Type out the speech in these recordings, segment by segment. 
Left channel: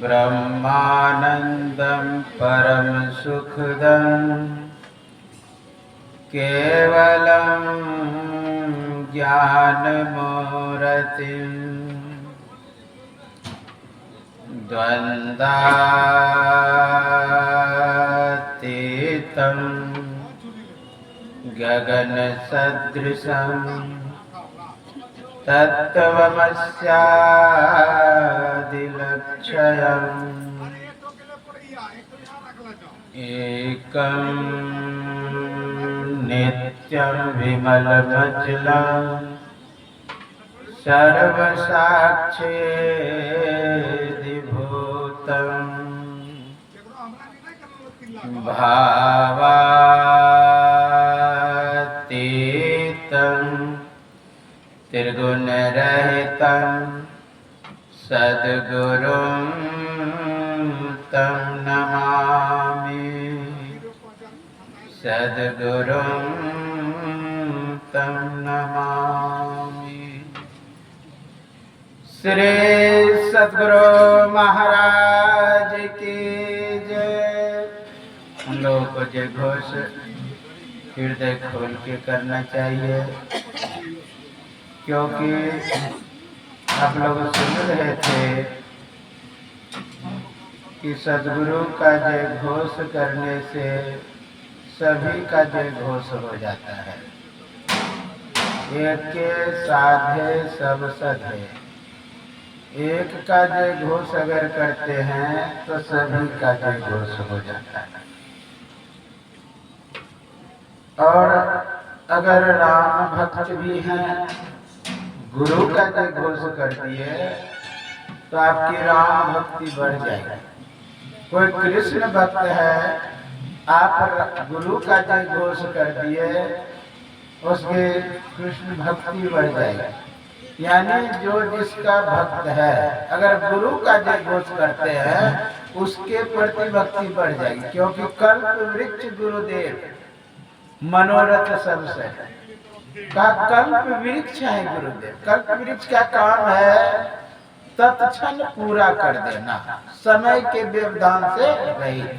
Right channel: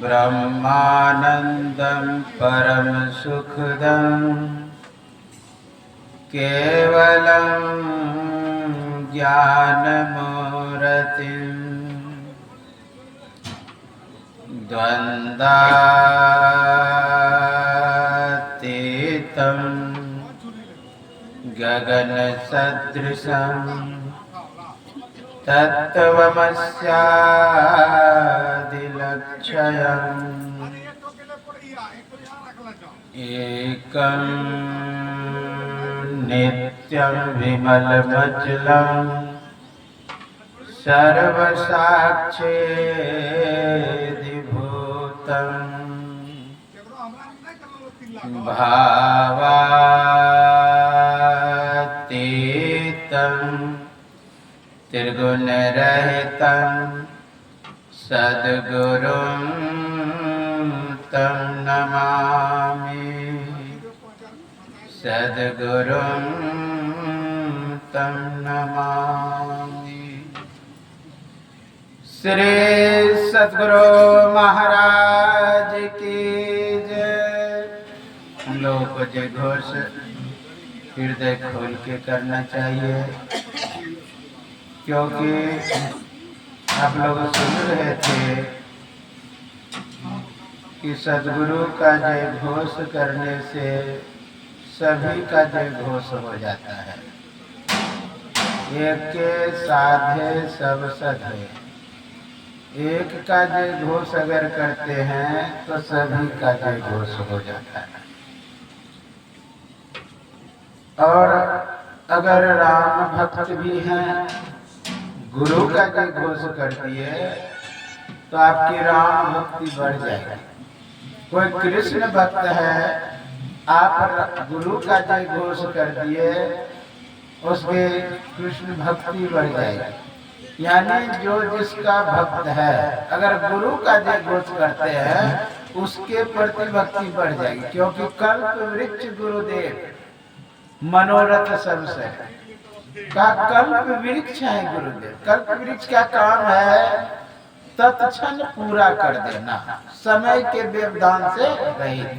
ब्रह्मानंदं परम सुखदं केवलं ज्ञानमूर्तिं द्वन्द्वातीतं गगनसदृशं तत्त्वमस्यादिलक्ष्यम् एकं नित्यं विमलमचलं सर्वसाक्षिभूतम् भावातीतं त्रिगुणरहितं सद्गुरुं तं नमामि सद्गुरुं तं नमामि। श्री सद्गुरु महाराज की जय। हम लोगों को जय घोष हृदय खोल के करना चाहिए, क्योंकि आप लोग सुन रहे थे कि सद्गुरु का जय घोष करने से सभी का जय घोष हो जाता है। एक के साधे सब सधे, एक का जय घोष अगर करते हैं तो सभी का जय घोष हो जाता है। और अगर राम भक्त भी हैं, गुरु का जय घोष कर दिए तो आपकी राम भक्ति बढ़ जाएगी। कोई कृष्ण भक्त है, आप गुरु का जय घोष कर दिए, उसके कृष्ण भक्ति बढ़ जाएगी। यानी जो जिसका भक्त है, अगर गुरु का जय घोष करते हैं उसके प्रति भक्ति बढ़ जाएगी, क्योंकि कल्प वृक्ष गुरुदेव मनोरथ सबसे का कल्प वृक्ष है गुरुदेव। कल्प वृक्ष का काम है तत्क्षण पूरा कर देना, समय के व्यवधान से रहित।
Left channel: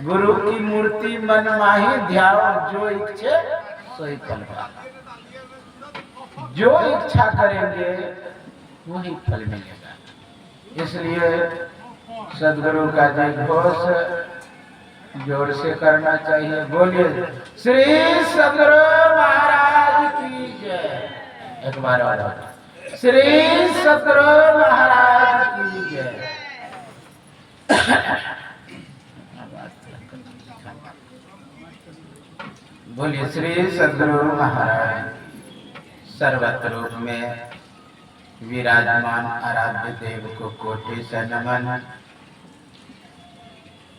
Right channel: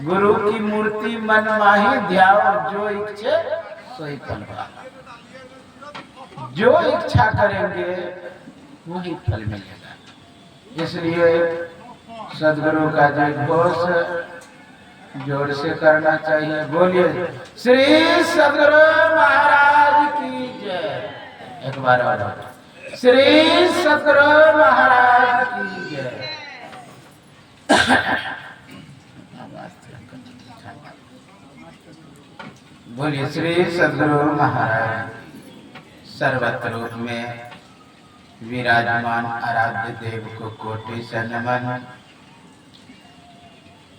गुरु की मूर्ति मन माही ध्याओ, जो इच्छे सोई फल पाना। जो इच्छा करेंगे वही फल मिलेगा। इसलिए सद्गुरु का जय घोष जोर से करना चाहिए। बोलिए श्री सद्गुरु महाराज की जय। एक बार और श्री सद्गुरु महाराज की जय। बोलिए श्री सद्गुरु महाराज। सर्वत्र रूप में विराजमान आराध्य देव को कोटि से नमन।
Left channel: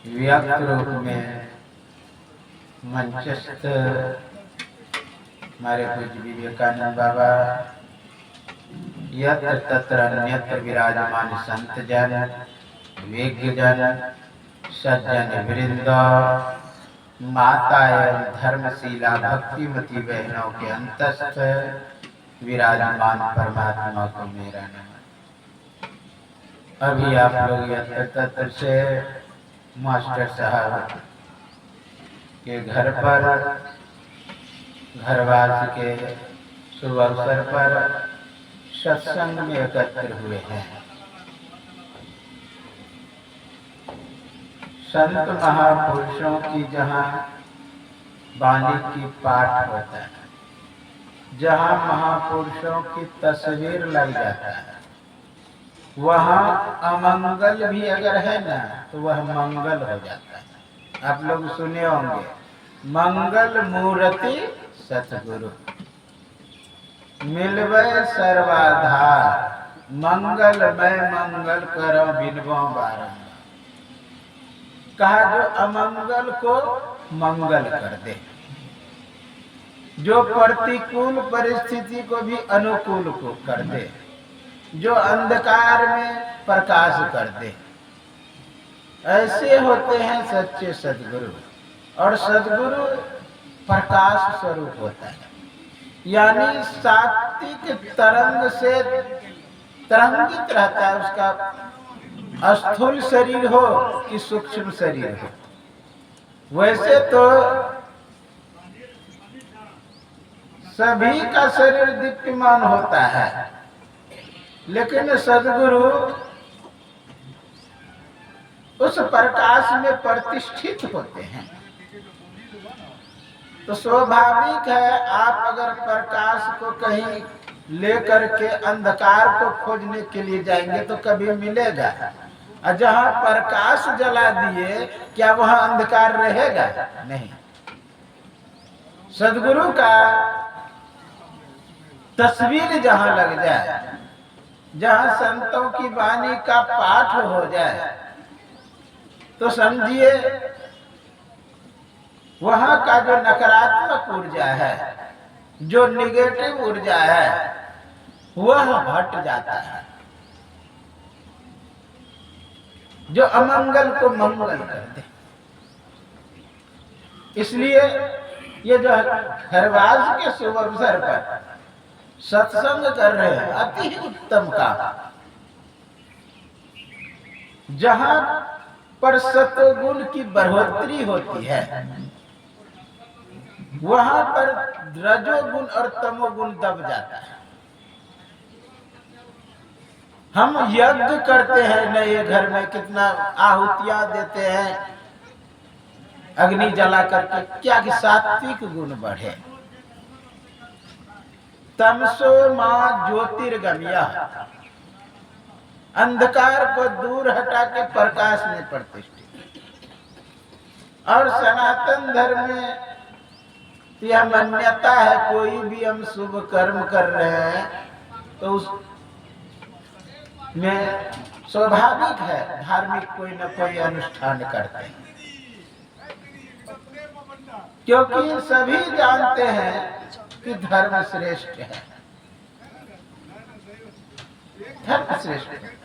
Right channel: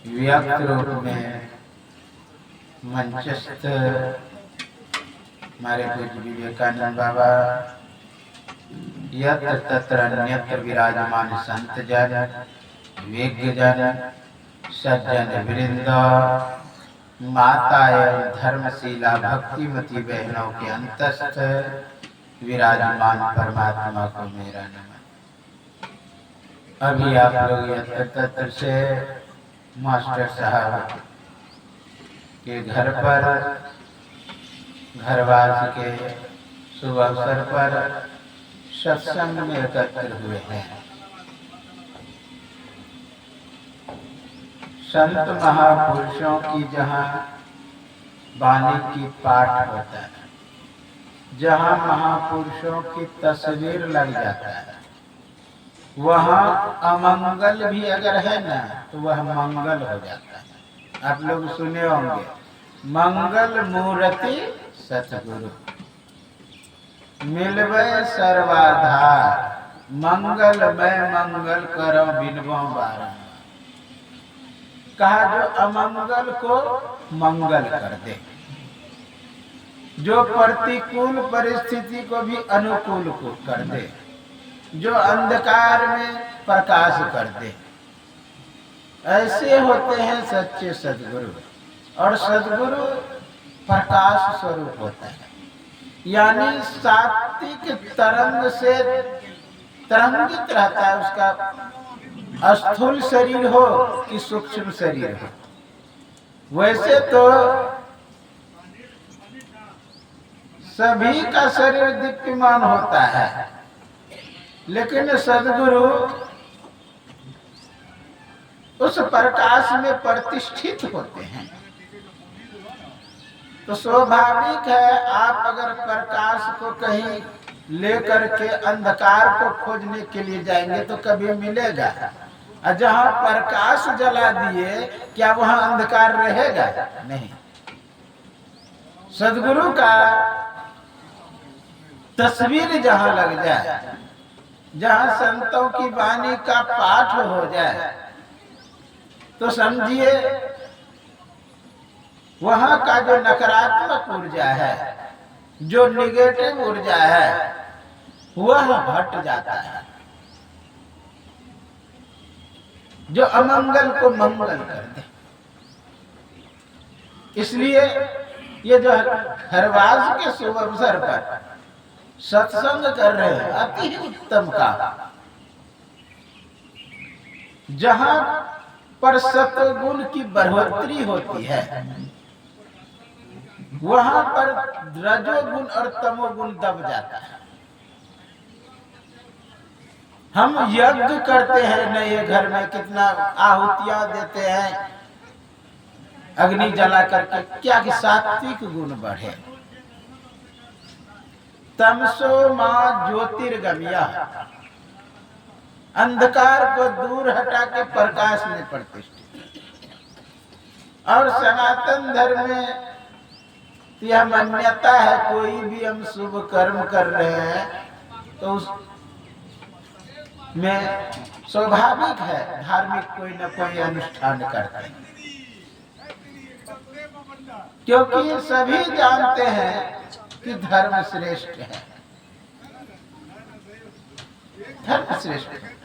व्यक्त रूप में मंचस्थ हमारे पूज्य विवेकानंद बाबा, यत्र तत्र अन्यत्र विराजमान संत जन, विज्ञ जन, सज्जन वृंद, माता एवं धर्मशीला भक्तिमती बहनों के अंतस्थ विराजमान परमात्मा को मेरा नमन। अभी आप लोग यत्र तत्र से मास्टर साहब के घर पर घरवास के शुभ अवसर पर सत्संग में एकत्र हुए हैं। संत महापुरुषों की जहाँ वाणी की पाठ होता है, जहाँ महापुरुषों की तस्वीर लग जाता है, वहाँ अमंगल भी अगर है ना तो वह मंगल हो जाता है। आप लोग सुने होंगे, मंगल मूर्ति सतगुरु मिलवे सर्वाधार, मंगल मैं मंगल करो बिनबो बारंबार। कहा जो अमंगल को मंगल कर दे, जो प्रतिकूल परिस्थिति को भी अनुकूल को कर दे, जो अंधकार में प्रकाश कर दे। ऐसे होते हैं सच्चे सद्गुरु। और सद्गुरु प्रकाश स्वरूप होता है, यानी सात्विक तरंग से तरंगित रहता है। उसका स्थूल शरीर हो कि सूक्ष्म शरीर हो, वैसे तो सभी का शरीर दीप्यमान होता है, लेकिन सद्गुरु उस प्रकाश में प्रतिष्ठित होते हैं। तो स्वाभाविक है, आप अगर प्रकाश को कहीं लेकर के अंधकार को खोजने के लिए जाएंगे तो कभी मिलेगा, और जहां प्रकाश जला दिए क्या वहां अंधकार रहेगा? नहीं। सद्गुरु का तस्वीर जहां लग जाए, जहां संतों की वाणी का पाठ हो जाए, तो समझिए वहां का जो नकारात्मक ऊर्जा है, जो निगेटिव ऊर्जा है, वह हट जाता है, जो अमंगल को मंगल कर दे। इसलिए ये जो हरवाज के शुभ अवसर पर सत्संग कर रहे हैं, अति ही उत्तम काम। जहां पर सत्वगुण की बढ़ोतरी होती है, वहां पर रजोगुण और तमोगुण दब जाता है। हम यज्ञ करते हैं नए घर में, कितना आहुतियां देते हैं अग्नि जला करके, क्या कि सात्विक गुण बढ़े। तमसो मां ज्योतिर्गम्या, अंधकार को दूर हटा के प्रकाश में प्रतिष्ठित। और सनातन धर्म में यह मान्यता है, कोई भी हम शुभ कर्म कर रहे हैं तो उस में स्वाभाविक है धार्मिक कोई न कोई अनुष्ठान करते हैं, क्योंकि सभी जानते हैं कि धर्म श्रेष्ठ है, धर्म श्रेष्ठ है।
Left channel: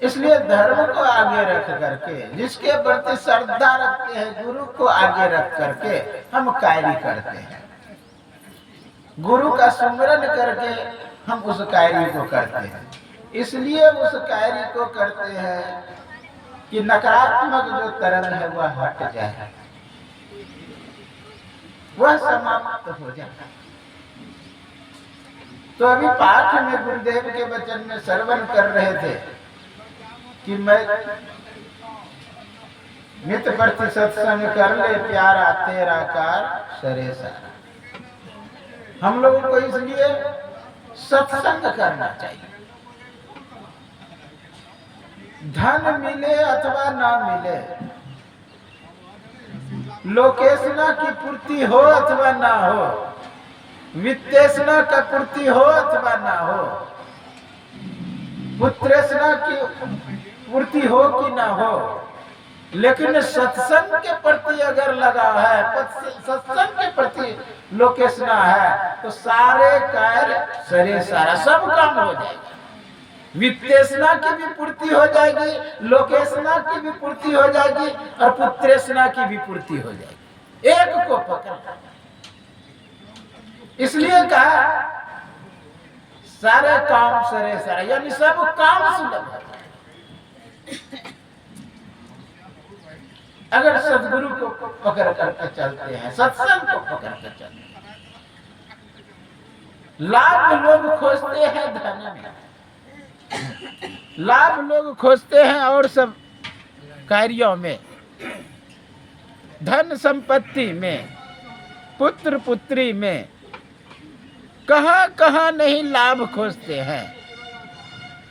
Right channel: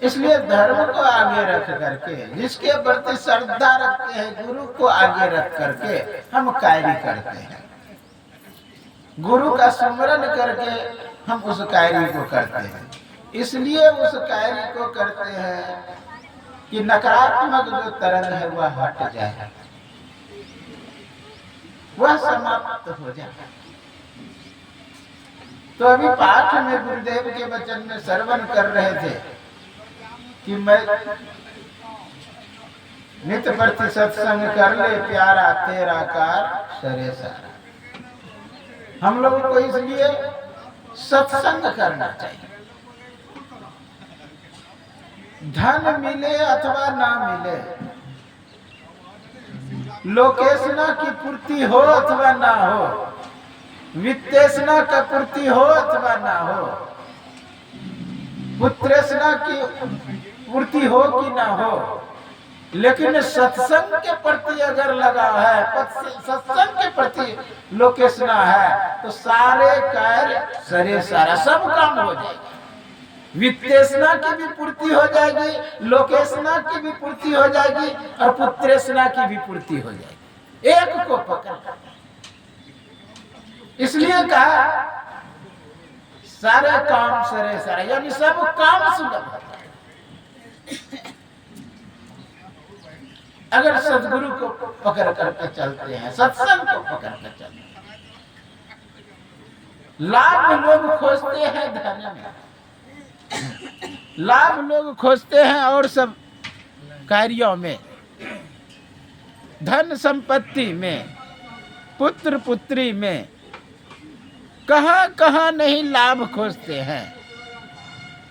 इसलिए धर्म को आगे रख करके, जिसके प्रति श्रद्धा रखते हैं, गुरु को आगे रख करके हम कार्य करते हैं। गुरु का स्मरण करके हम उस कार्य को करते हैं। इसलिए उस कार्य को करते हैं कि नकारात्मक जो तरंग है वह हट जाए, वह समाप्त हो जाए। तो अभी पाठ में गुरुदेव के वचन में श्रवण कर रहे थे कि मैं नित्य प्रति सत्संग कर ले प्यारा तेरा कार सरे सारा। हम लोगों को इसलिए सत्संग करना चाहिए। धन मिले अथवा ना मिले, लोकेशना की पूर्ति हो अथवा ना हो, वित्तेशना का पूर्ति हो अथवा ना हो, पुत्रेशना की पूर्ति हो कि ना हो, लेकिन सत्संग के प्रति अगर लगा है, सत्संग के प्रति लोकेशना है, तो सारे कार्य सरे सारा सब काम हो जाएगा। वित्तेशना की भी पूर्ति हो जाएगी, लोकेशना की भी पूर्ति हो जाएगी, और पुत्रेशना की भी पूर्ति हो जाएगी। एक को पकड़, इसलिए कहा सारे काम सरे सारे, यानी सब काम सुलभ हो जाए अगर सद्गुरु को पकड़ करके चलते हैं, सत्संग को पकड़ कर चलते हैं। लाभ लोग खोजते हैं धन में, लाभ लोग खोजते हैं और सब कार्यों में, धन संपत्ति में, पुत्र पुत्री में, कहां कहां नहीं लाभ खोजते हैं।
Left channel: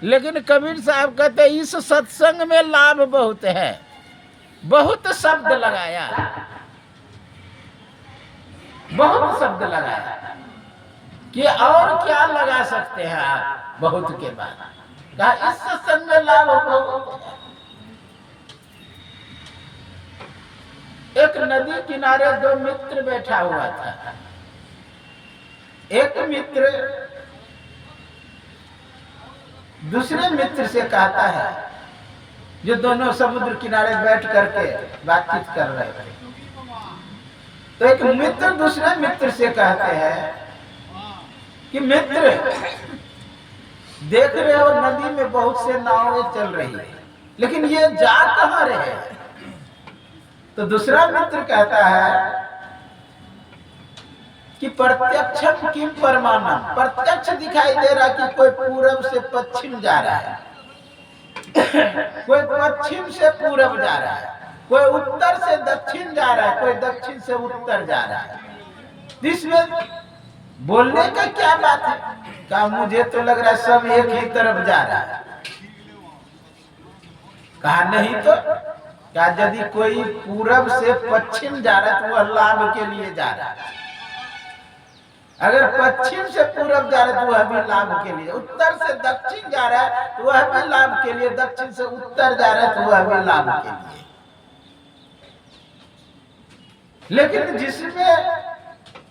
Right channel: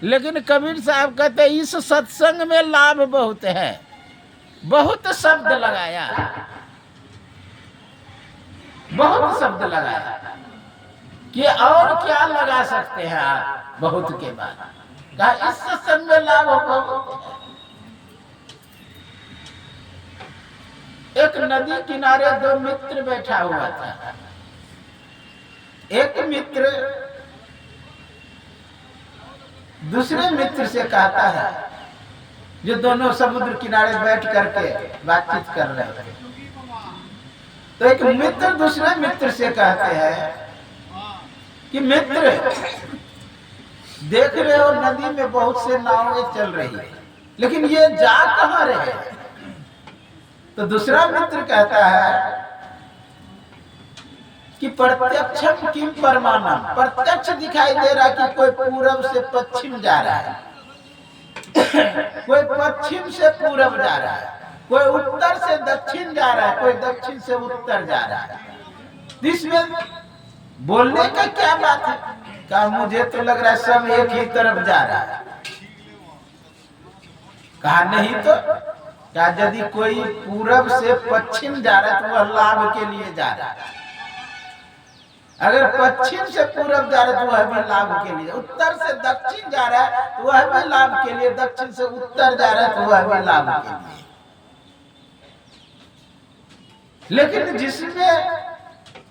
लेकिन कबीर साहब कहते हैं इस सत्संग में लाभ बहुत है। बहुत शब्द लगाया, बहुत शब्द लगाया कि और क्या लगा सकते हैं आप बहुत के बाद। कहा इस सत्संग में लाभ बहुत है। एक नदी किनारे दो मित्र बैठा हुआ था। एक मित्र दूसरे मित्र से कहता है, जो दोनों समुद्र किनारे बैठ करके बातचीत कर रहे थे, तो एक मित्र दूसरे मित्र से कहते हैं कि मित्र, देख रहे हो नदी में बहुत से नावें चल रही है, लेकिन ये जा कहां रहे? तो दूसरा मित्र कहता है कि प्रत्यक्षम किम परमाणम, प्रत्यक्ष दिखाई दे रहा कि कोई पूरब से पश्चिम जा रहा है, कोई पश्चिम से पूरब जा रहा है, कोई उत्तर से दक्षिण जा रहा है, कोई दक्षिण से उत्तर जा रहा है। इसमें बोलने का क्या बात है? कहा मुझे तो लग रहा है सब एक ही तरफ जा रहा है। कहा नहीं तो, क्या यदि कोई पूरब से पश्चिम जा रहा है तो वह लाभ के लिए जा रहा है, अगर पश्चिम से पूरब जा रहा है तो वह भी लाभ के लिए, उत्तर से दक्षिण जा रहा है तो वह भी लाभ के लिए, दक्षिण से उत्तर जा रहा है तो वह भी लाभ के लिए। लेकिन जिसमें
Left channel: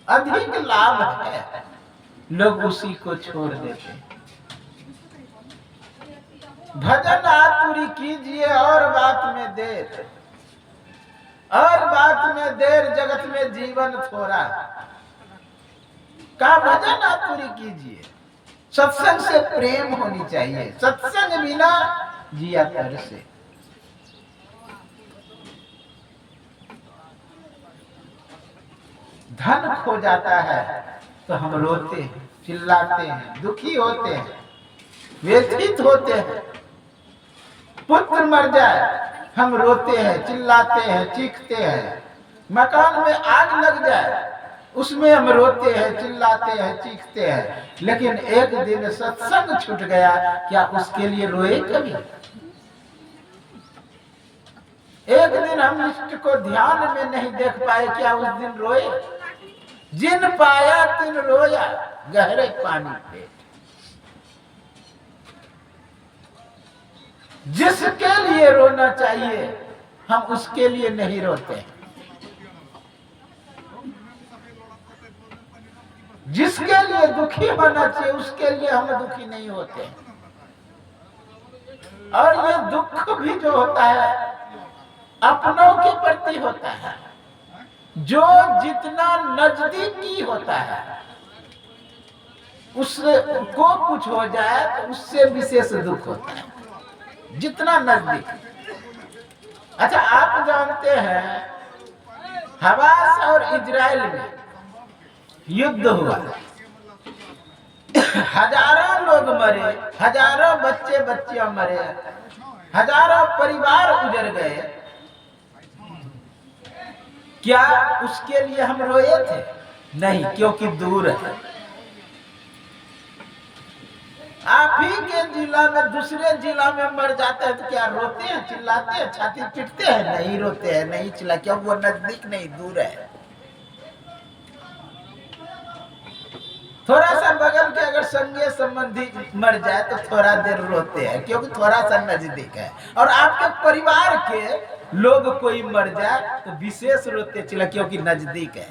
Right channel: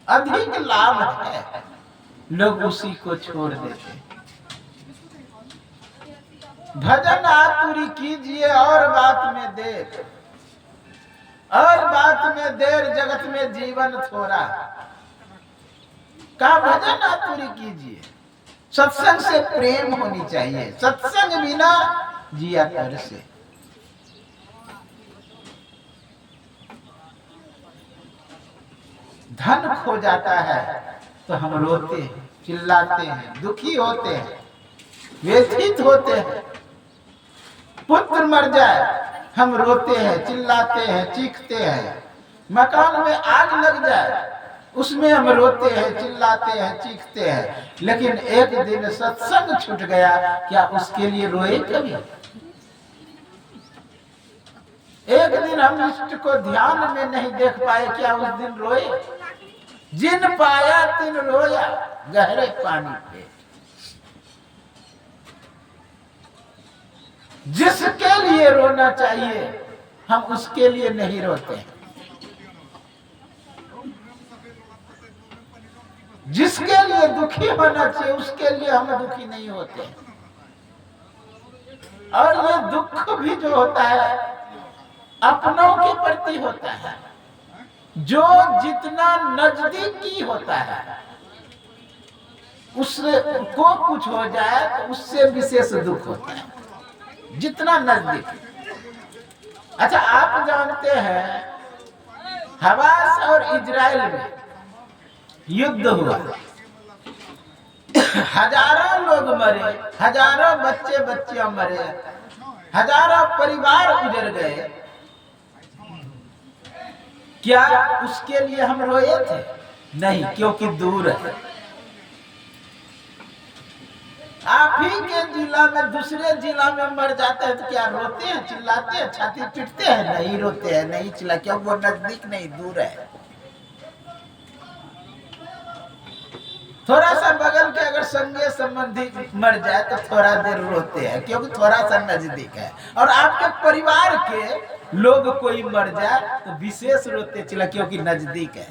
अधिक लाभ है लोग उसी को छोड़ देते हैं। भजन आतुरी कीजिए और बात में देर, और बात में देर जगत में जीवन थोड़ा। का भजन आतुरी कीजिए, सत्संग से प्रेम होनी चाहिए, सत्संग बिना जिया तर से। धन खो जाता है तो हम रोते हैं, चिल्लाते हैं, दुखी होते हैं, व्यथित होते हैं। पुत्र मर जाए हम रोते हैं, चिल्लाते हैं, चीखते हैं। मकान में आग लग जाए उसमें हम रोते हैं, चिल्लाते हैं, चीखते हैं। लेकिन एक दिन सत्संग छूट गया, क्या उसके लिए रोए कभी? एक दिन हम इष्ट को ध्यान में नहीं देख पाए, क्या उस दिन रोए? जिन पाया तिन रोया, गहरे पानी पे। जिसके लिए रोना चाहिए हम उसके लिए नहीं रोते, जिसके लिए दुखी होना चाहिए उसके लिए हम दुखी नहीं होते। और ये दुख भी जो होता है अपनों के प्रति होता है, जो जितना नजदीकी होता है उससे को कुछ हो जाए तो उससे विशेष दुख होता है, जितना नजदीक। अच्छा, आप जानते हैं हमास और इजराइल में युद्ध हुआ, हजारों लोग मरे, हजारों बच्चे बच्चियां मरे, हजारों परिवार उजड़ गए। क्या उसके लिए हम रोए थे? नहीं, क्योंकि दूर है। आप ही के जिला में दूसरे जिला में मर जाते हैं तो क्या रोते हैं, चिल्लाते हैं, छाती पीटते हैं? नहीं रोते हैं, नहीं चिल्ला, क्यों? वो नजदीक नहीं, दूर है। थोड़ा सा बगल के अगर संगे संबंधी मर जाए तो थोड़ा देर रोते हैं, क्योंकि थोड़ा सा नजदीक है। और आपके परिवार के लोग कोई मर जाए तो विशेष रोते चिल्ला, क्योंकि नजदीक है।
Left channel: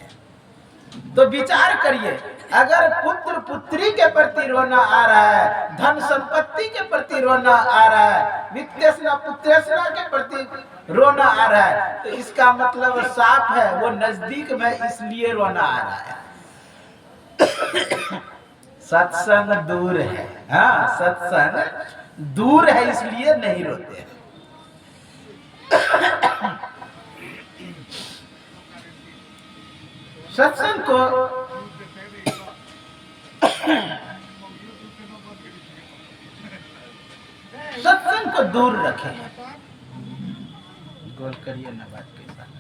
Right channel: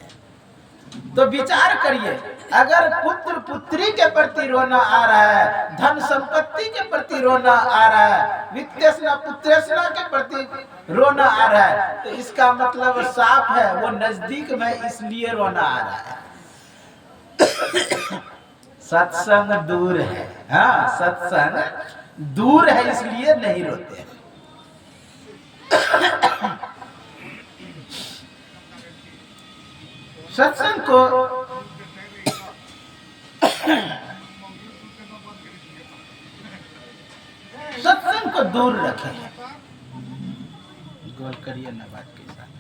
तो विचार करिए, अगर पुत्र पुत्री के प्रति रोना आ रहा है, धन संपत्ति के प्रति रोना आ रहा है, वित्तेषणा पुत्रेषणा के प्रति रोना आ रहा है, तो इसका मतलब साफ है वो नजदीक में, इसलिए रोना आ रहा है। सत्संग दूर है। हाँ, सत्संग दूर है इसलिए नहीं रोते हैं। सत्संग को दूर रखें। गोल करिए नवाज के साथ।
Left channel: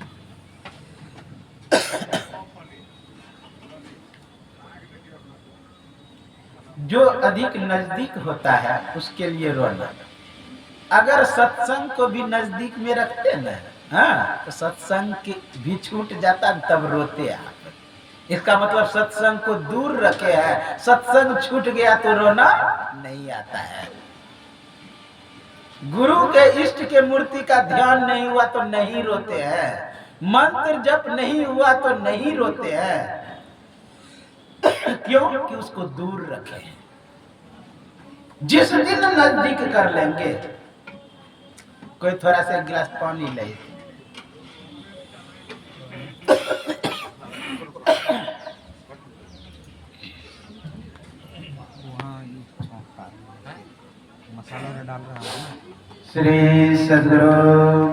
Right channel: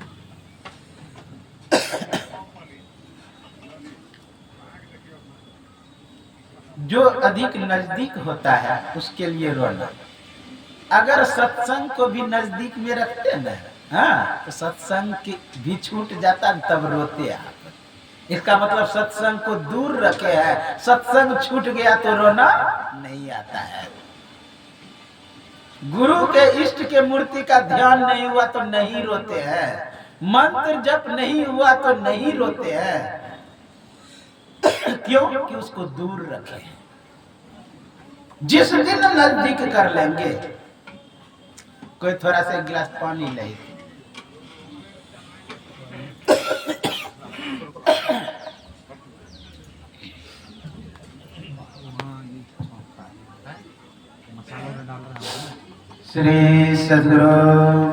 जो अधिक नजदीक होता है उसके लिए रोना। अगर सत्संग को भी नजदीक में रखते ना, हाँ, तो सत्संग भी छूट जाता तब रोते आप। इसका मतलब सत्संग को दूर रखे है, सत्संग छूट गया तो रोना नहीं आता है। गुरु के इष्ट के मूर्ति का ध्यान नहीं हुआ तो नहीं रोते हैं, मंत्र जप नहीं हुआ तो नहीं रोते हैं। क्यों? कि उसको दूर रखे। जिस दिन नजदीक कर लेंगे, कोई थोड़ा सा गिलास पानी ले, श्री सद्गुरु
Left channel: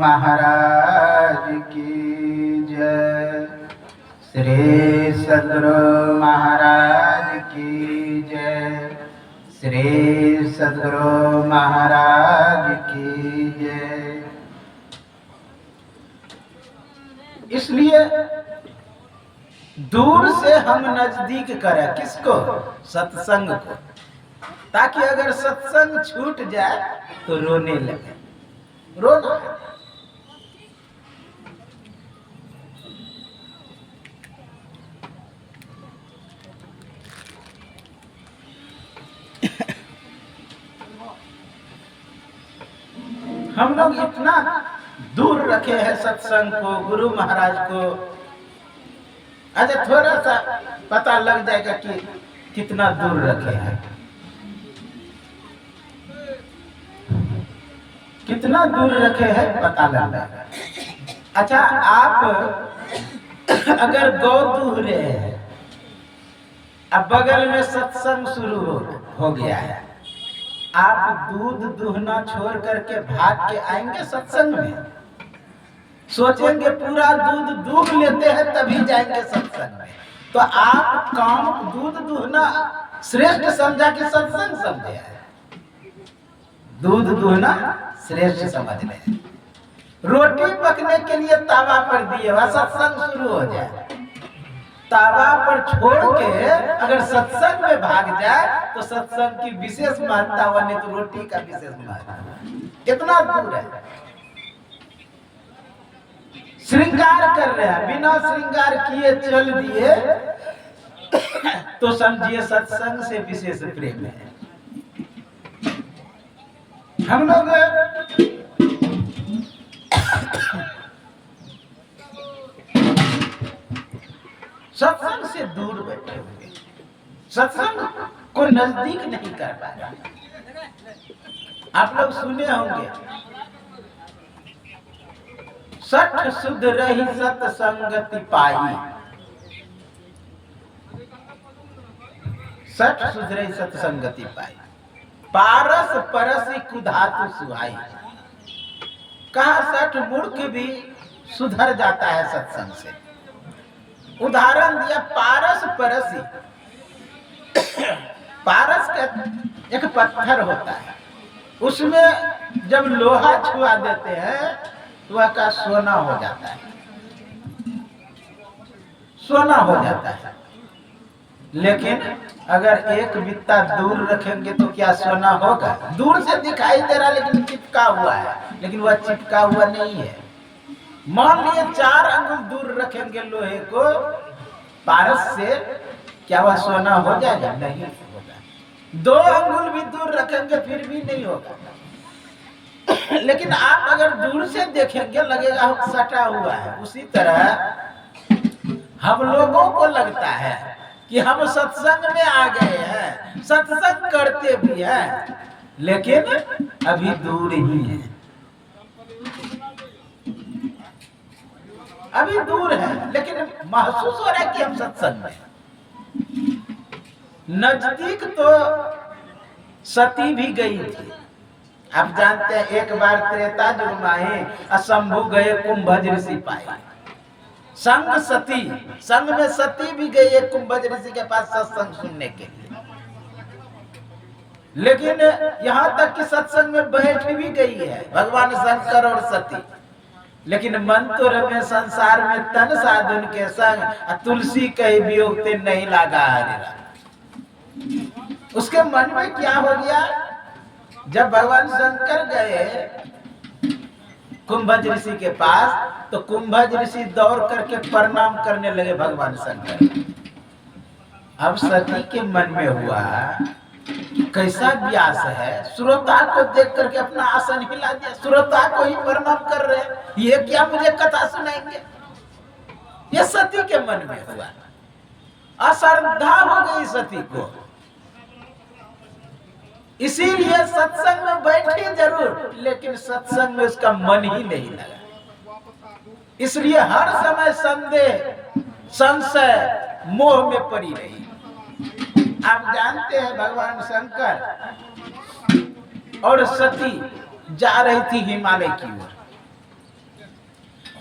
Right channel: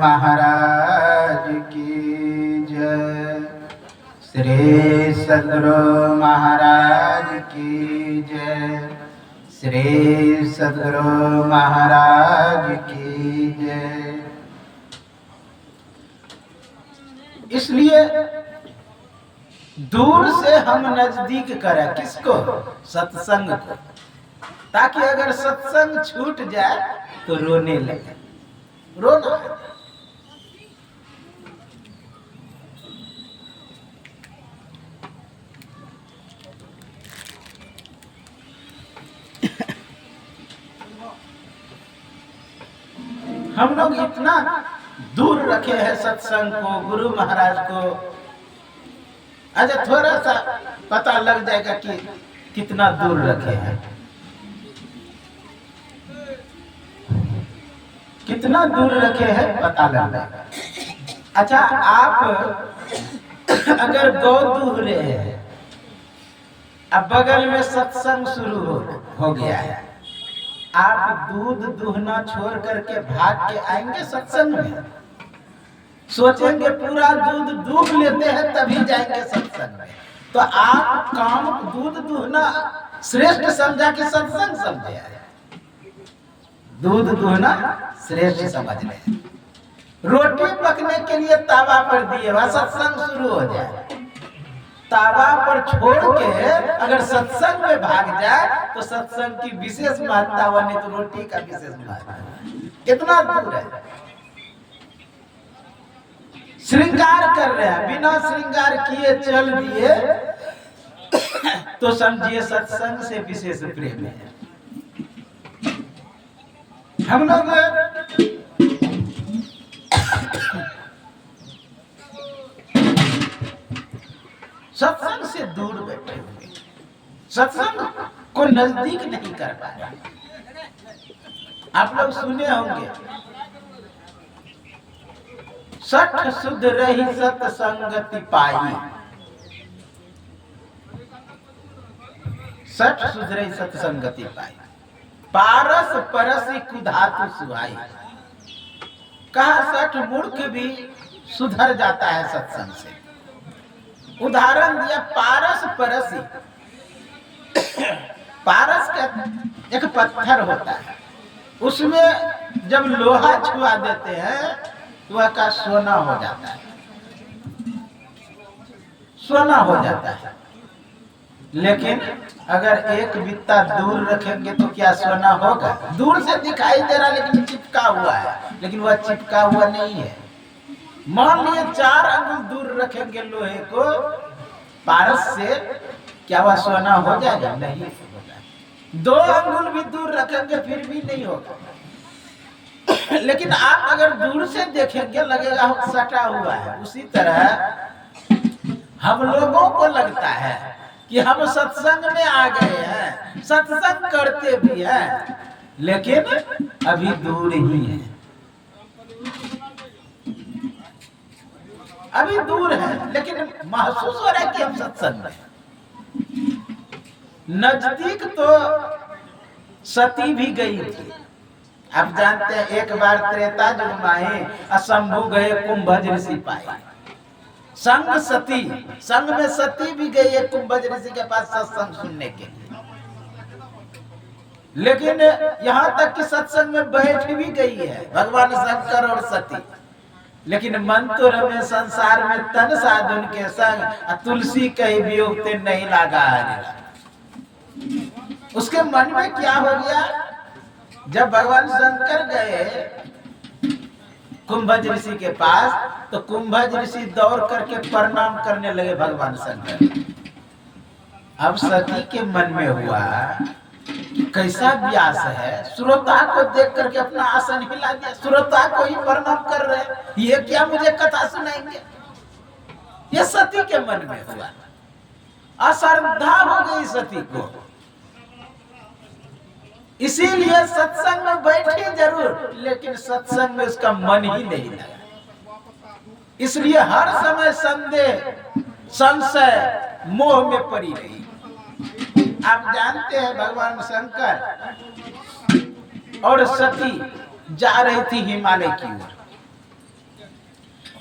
महाराज की जय। श्री सद्गुरु महाराज की जय। श्री सद्गुरु महाराज की जय। इसलिए दूर से हम नजदीक करें किसको? सत्संग को, ताकि अगर सत्संग छूट जाए तो रोने लगे, रोना है। हम लोग इतना दूर रखे हैं सत्संग को, गुरु महाराज को। अच्छा, थोड़ा सा पता लग जाएगा कि कितना दूर रखे हैं, कितना दूर रखे हैं पता लग जाएगा। अच्छा, आप अगर गौ दूह रहे हैं, अब बगल में सत्संग शुरू हो गया है, आप दूध दूहना छोड़ करके भाग के आएंगे सत्संग में? सोचेंगे पूरा दूध दूह लेते हैं तभी जाएंगे सत्संग में। तो आप काम दूध दूहना श्रेष्ठ समझा कि सत्संग समझे है? दूध दूहना श्रेष्ठ समझ रहे। रोटी पकने के लिए तावा पर दिए हुआ सत्संग शुरू हो जाए, तावा पर छोड़ के अगर सत्संग में भाग जाए तो सत्संग की विशेष महत्ता बने, तो रोटी का विशेष महत्ता कितना दूर है। श्रृंगार कर रहे हैं, बिना श्रृंगार किए चल दिए तो समझिए सत्संग से विशेष प्रेम है। हम लोग सत्संग से दूर बैठे हुए, सत्संग को नजदीक नहीं कर पा रहे। आप लोग सुने होंगे, सठ शुद्ध रही सत्संगति पाई, सठ शुद्ध रही सत्संगति पाई, पारस परसी कुधातु सुहाई। कहा सठ मूर्ख भी सुधर जाता है सत्संग से। उदाहरण दिया पारस परसी। पारस का एक पत्थर होता है, उसमें जब लोहा छुआ देते हैं तो वह का सोना हो जाता है, सोना हो जाता है। लेकिन अगर एक बित्ता दूर रखेंगे तो क्या सोना होगा? दूर से दिखाई दे रहा लेकिन चिपका हुआ है, लेकिन वह चिपका हुआ नहीं है। मान लिए 4 अंगुल दूर रखेंगे लोहे को पारस से, क्या वह सोना हो जाएगा? नहीं होगा। 2 अंगुल भी दूर रखेंगे फिर भी नहीं होगा। लेकिन आप अगर दूर से देखेंगे लगेगा सटा हुआ है। उसी तरह हम लोगों को लगता है कि हम सत्संग में आ गए हैं, सत्संग करते भी हैं, लेकिन अभी दूर ही है, अभी दूर है, लेकिन महसूस हो रहा है कि हम सत्संग में। नजदीक तो सती भी गई थी। आप जानते हैं, एक बार त्रेता युग में शंभु गए कुंभज ऋषि पाए। संग सती, संग में सती भी गई है कुंभज ऋषि के पास सत्संग सुनने के लिए। लेकिन यहाँ तक कि सत्संग में बैठ भी गई है भगवान शंकर और सती। लेकिन मन तो रमे संसार में तन साधुन के संग, तुलसी कही वियोग ते नहीं लागा हरिरा। उसके मन में क्या हो गया? जब भगवान शंकर गए कुंभज ऋषि के पास तो कुंभज ऋषि दौड़ करके प्रणाम करने लगे भगवान शंकर। अब सती के मन में हुआ कैसा व्यास है, श्रोता को देख करके अपना आसन हिला दिया, श्रोता को ही प्रणाम कर रहे, ये क्या मुझे कथा सुनाएंगे? ये सती के मन में हुआ, अश्रद्धा हो गई सती को। इसीलिए सत्संग में बैठी जरूर, लेकिन सत्संग में उसका मन ही नहीं लगा। इसलिए हर समय संदेह, संशय, मोह में पड़ी रही। आप जानते हैं भगवान शंकर और सती जा रही थी हिमालय की ओर।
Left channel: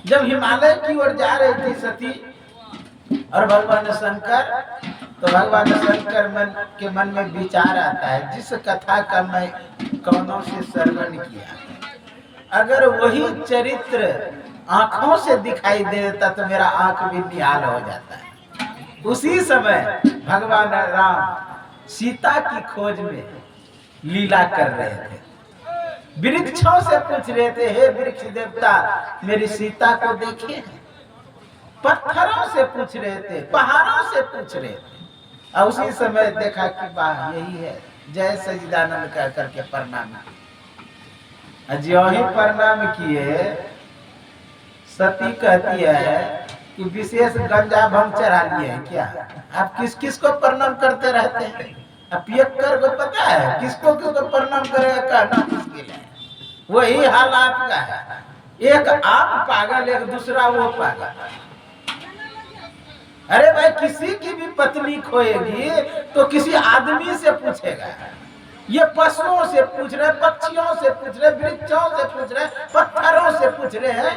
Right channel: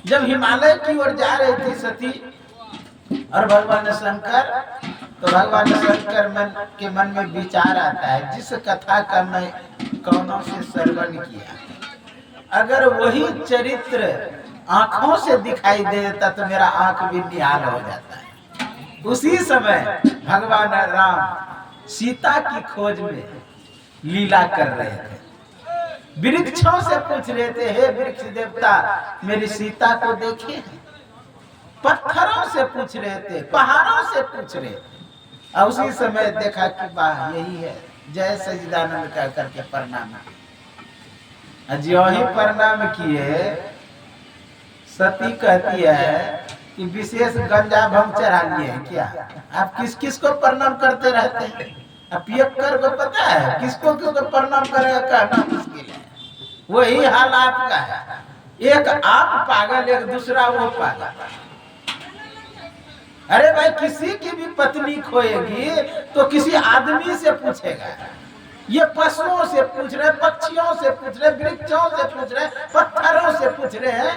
जब हिमालय की ओर जा रही थी सती और भगवान शंकर, तो भगवान शंकर के मन में विचार आता है, जिस कथा का मैं कौनों से श्रवण किया, अगर वही चरित्र आंखों से दिखाई दे देता तो मेरा आंख भी निहाल हो जाता है। उसी समय भगवान राम सीता की खोज में लीला कर रहे थे। वृक्षों से पूछ रहे थे, हे वृक्ष देवता मेरी सीता को देखे। पत्थरों से पूछ रहे थे, पहाड़ों से पूछ रहे थे। और उसी समय देखा कि वाह यही है, जय सच्चिदानंद कह करके प्रणाम। जो ही प्रणाम किए, सती कहती है कि विशेष गंजा भंग चढ़ा लिए है क्या? आप किस किस को प्रणाम करते रहते हैं? अब पियक्कर को पता है किसको किसको प्रणाम करेगा, कहना मुश्किल है। वही हाल आपका है, एक आप पागल, एक दूसरा वो पागल। अरे भाई, किसी की भी पत्नी खोएगी तो किसी आदमी से पूछेगा। ये पशुओं से पूछ रहे, पक्षियों से पूछ रहे, वृक्षों से पूछ रहे, पत्थरों से पूछ रहे हैं।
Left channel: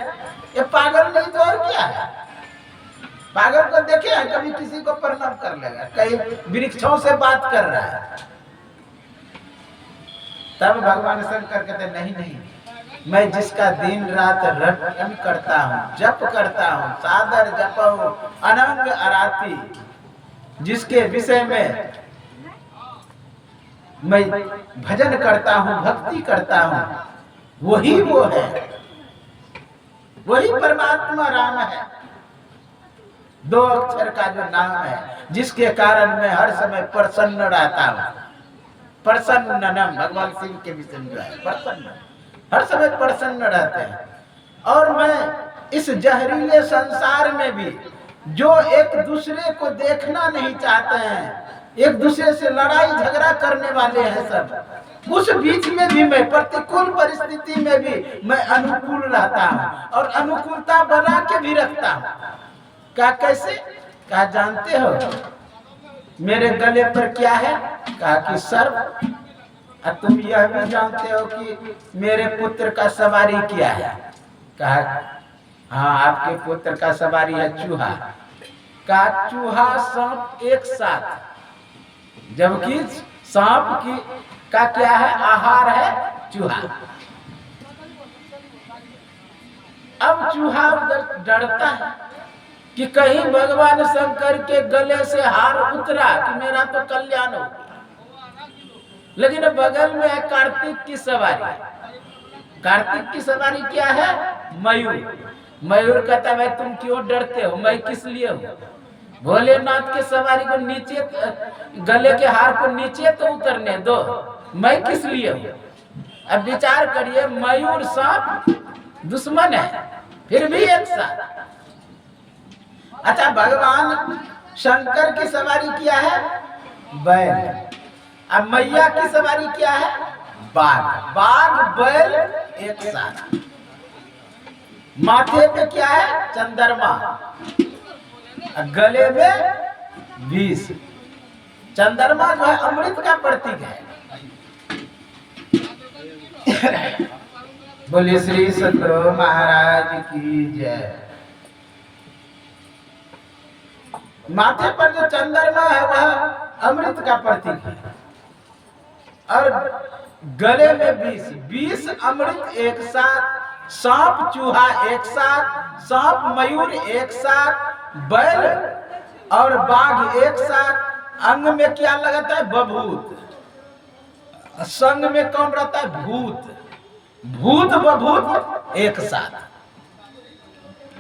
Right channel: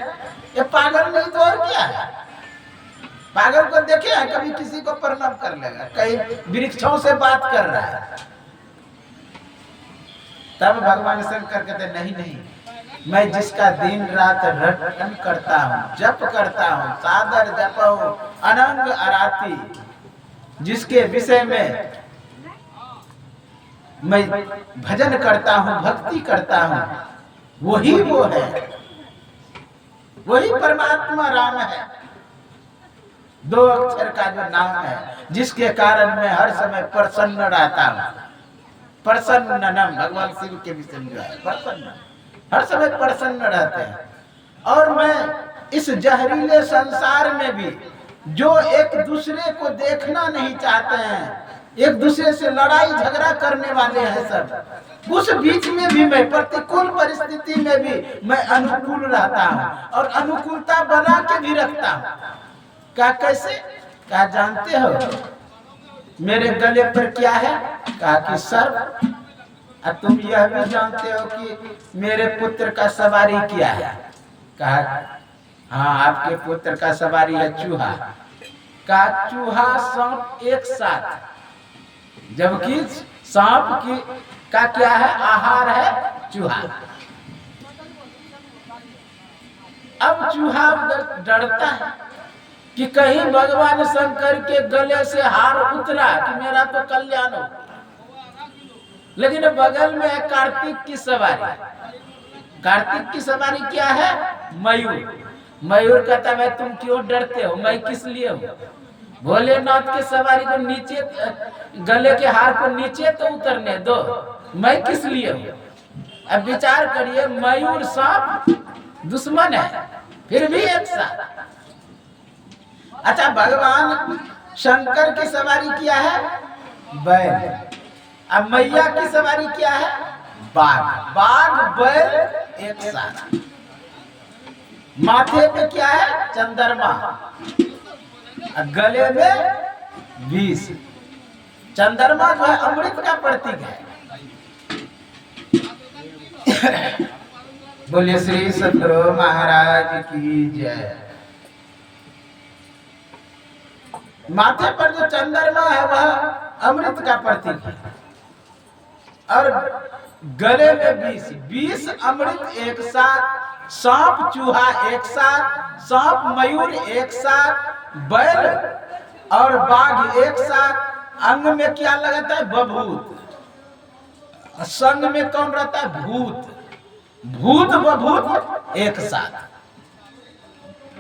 ये पागल नहीं तो और क्या है? पागल को देखे हैं कभी किसी को प्रणाम कर लेगा? कहीं वृक्षों से बात कर रहा है। तब भगवान शंकर कहते नहीं नहीं, मैं जिसका दिन रात रटन करता हूँ, जप करता हूँ, सादर जपहूँ अनंग आराती, जिसके विषय में मैं भजन करता हूँ, भक्ति करता हूँ, वही वो है, वही परमात्मा राम है। 2 अक्षर का जो नाम है, जिसके कारण मैं हर समय प्रसन्न रहता हूँ। प्रसन्नम, भगवान शिव के विषय में जो है प्रसन्न, हर समय प्रसन्न रहते हैं। और मैं इस जहरीले संसार में भी जो एक दूसरे को देखना नहीं चाहते हैं, एक दूसरे से लड़ाई झगड़ा करने वाले हैं सब, उस बीच में भी मैं प्रतिकूल परिस्थिति में भी मैं अनुकूल रहता हूँ और अनुकूलता बना के भी रखता हूँ। कहा कैसे? कहा जानते हो मेरे गले पर क्या है? कहा कि सर्प। और तुम यह भी जानते हो कि मेरे पुत्र का सवारी क्या है? कहा हाँ, आपके पुत्र का सवारी है चूहा। कहा चूहा सांप एक साथ, जबकि सांप की का क्या है? आहार है चूहा। अब चूहा डरता है कि कहीं भगवान शंकर के गले से हार उतरा कि मेरा तो कल्याण हो। लेकिन बगल में है कार्तिक की सवारी। कार्तिक की सवारी क्या है? मयूर। मयूर कहता है तुम क्यों डरते हो, मैं किस लिए हूँ? भोलेनाथ के सवारी को नीचे, गले के हार को नीचे तो उतरने दो, मैं किस लिए हूँ? अब विचार करिए, मयूर सांप दुश्मन है, फिर भी एक साथ। अच्छा, भगवान शंकर की सवारी क्या है? बैल। अब मैया की सवारी क्या है? बाघ। बाघ बैल एक साथ। माथे पे क्या है? चंद्रमा। गले में विष। चंद्रमा जो है अमृत का प्रतीक है। बोलिए श्री सद्गुरु महाराज की जय। माथे पर जो चंद्रमा है वह अमृत का प्रतीक है और गले में विष। विष अमृत एक साथ, सांप चूहा एक साथ, सांप मयूर एक साथ, बैल और बाघ एक साथ। अंग में क्या लगाता है? बभूत। संग में कौन रहता है? भूत। भूत बभूत एक साथ।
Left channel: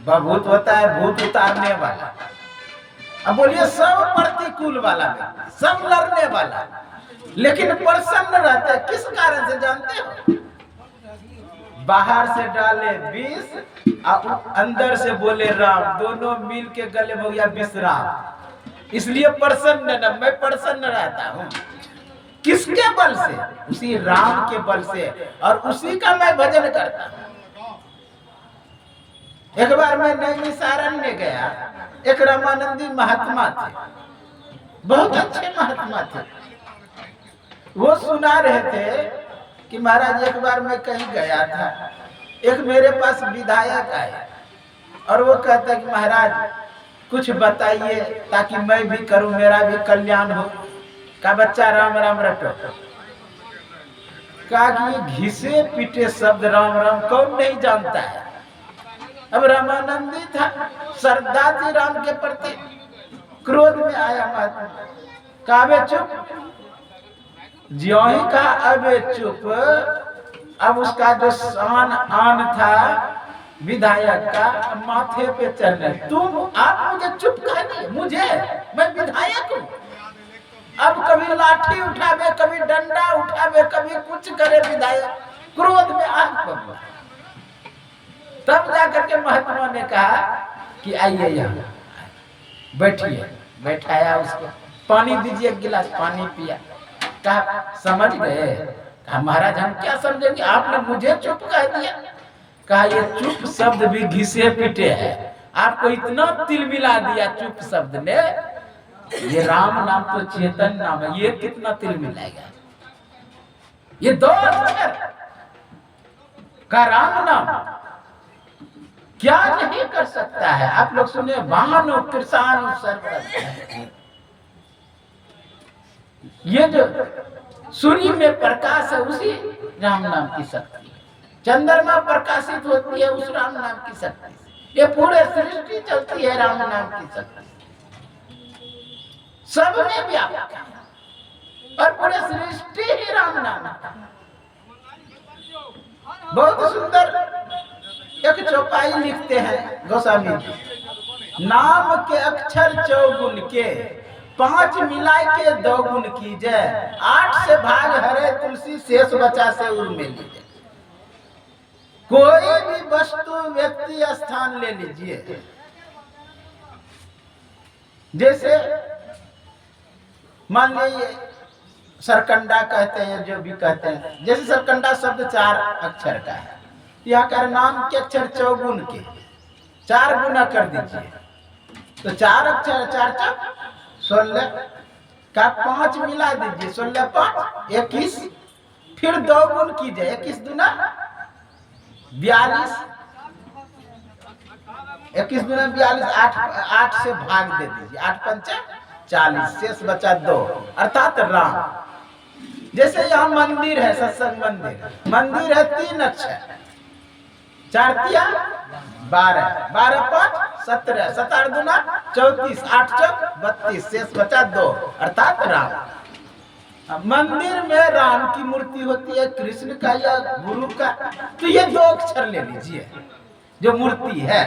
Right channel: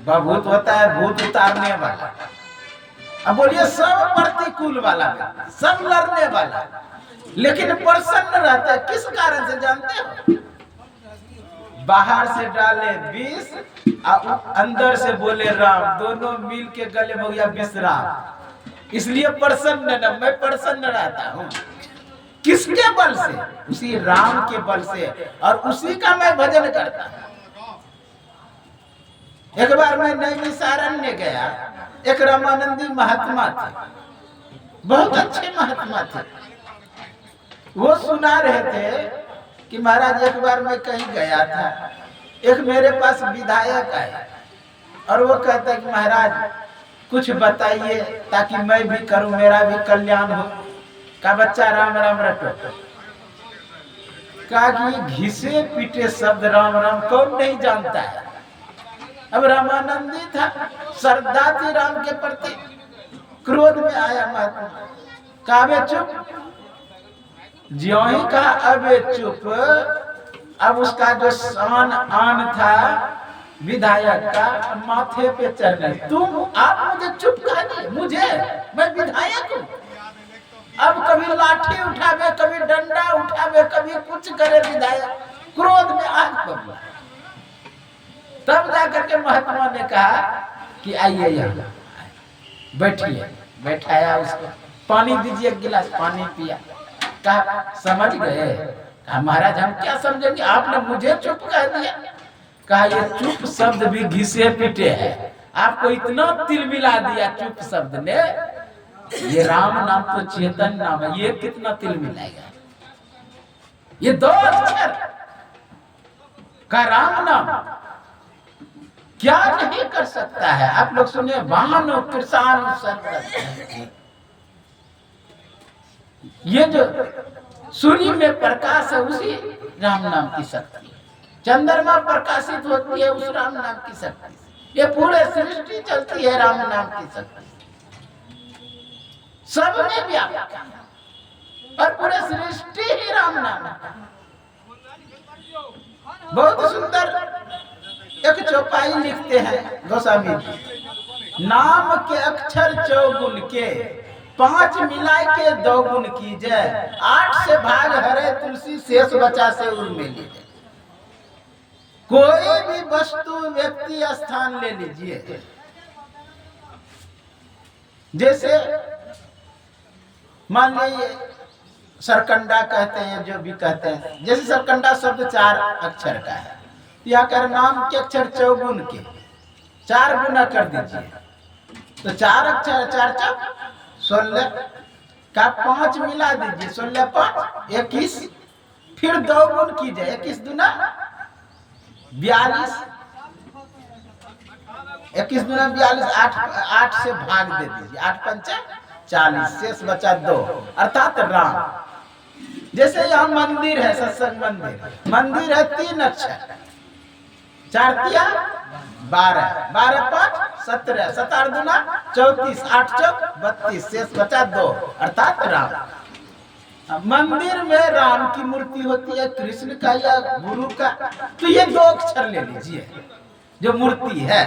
बभूत होता है भूत उतारने वाला। अब बोलिए सब प्रतिकूल वाला, सब लड़ने वाला, लेकिन प्रसन्न रहते हैं। किस कारण से जानते हो? बाहर से डाले विष और अंदर से बोले राम, दोनों मिल के गले में हो गया विश्राम। इसलिए प्रसन्न न, मैं प्रसन्न रहता हूँ। किसके बल से? उसी राम के बल से, और उसी का मैं भजन करता हूँ। एक बार मैं नैमिषारण्य गया, एक रामानंदी महात्मा थे, बहुत अच्छे महात्मा थे। वो सुना रहे थे कि महाराज एक बार मैं कहीं गया था, एक मेरे पास विधायक आए और वो कहता है कि महाराज कुछ बताइए ताकि मैं भी करूं, मेरा भी कल्याण हो। का बच्चा राम राम रटो। कहा कि ये घिसे पीटे शब्द राम राम कौन नहीं जानता है। अब रामानंदी था, श्रद्धा थी राम के प्रति, क्रोध में आया महात्मा, कहा अबे चुप। ज्यों ही कहा अबे चुप, अब उसका जो शान आन था विधायक का माथे पे चढ़ने, तुम आप मुझे चुप कह दिए, मुझे, मैं विधायक हूं। अब कभी लाठी उठावे, कभी डंडा उठावे, कभी कुछ करे विधायक, क्रोध में आग बबूला। तब जाकर के महात्मा ने कहा कि आइए यहाँ बैठिए। बैठाया उसको, पानी दीजिए, एक गिलास पानी पिया। कहा समझ गए? कहा महाराज हम क्या समझेंगे, आपने मुझे चुप कह दिया। कहा ये चुप शब्द भी घिसे पीटे है, आपको इतना तिल मिला दिया चुप शब्द ने। ये राम नाम तो चेतन नाम है, ये कितना तिल मिलाएगा। ये 2 अक्षर का राम नाम क्या नहीं कर सकता है। आप लोग सुने, वाहन किसान सर्वरत। ये जो सूर्य में प्रकाश है उसी राम नाम की शक्ति है, चंद्रमा प्रकाशित होती है उस राम नाम की शक्ति, ये पूरे सृष्टि चलती है राम नाम की शक्ति, सब में व्यापक है और पूरे सृष्टि ही राम नाम है। बहुत सुंदर एक चौपाई लिखते हैं गोस्वामी जी, नाम के अक्षर 4 गुण के, 5 मिलाए के 2 गुण कीजिए, 8 से भाग हरे तुलसी, शेष बचा से उर में लीजिए। कोई भी वस्तु व्यक्ति स्थान ले लीजिए, जैसे मान लीजिए सरकंडा कहते हैं, जो भी कहते हैं, जैसे सरकंडा शब्द 4 अक्षर का है, यहाँ कर नाम के अक्षर 4 गुण के, 4 गुना कर दीजिए तो 4 अक्षर 4 4 16 का 5 मिला दीजिए, 16 5 21, फिर 2 गुण कीजिए, 21 दूना 42, 21 दूना 42, 8 से भाग दे दीजिए, 8 पंचा 40, शेष बचा 2 अर्थात राम। जैसे यहाँ मंदिर है, सत्संग मंदिर, मंदिर है 3 अक्षर, 4 तिया 12, 12 5 17, 17 दूना 34, 8 चौक 32, शेष बचा 2 अर्थात राम। मंदिर में राम की मूर्ति होती है, कृष्ण का या गुरु का, तो ये 2 अक्षर ले लीजिए जो मूर्ति है,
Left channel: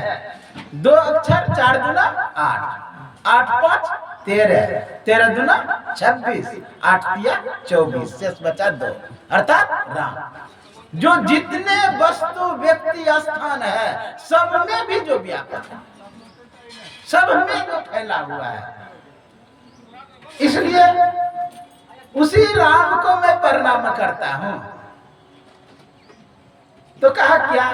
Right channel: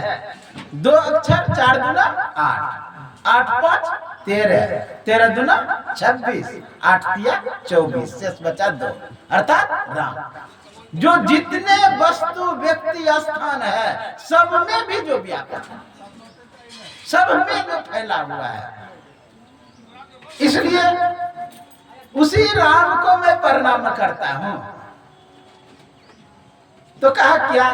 2 अक्षर, 4 दूना 8, 8 5 13, 13 दूना 26, 8 तिया 24, शेष बचा 2 अर्थात राम। जो जितने वस्तु व्यक्ति स्थान है सब में भी जो व्यापक है, सब में जो फैला हुआ है, इसलिए उसी राम को मैं प्रणाम करता हूं। तो कहा क्या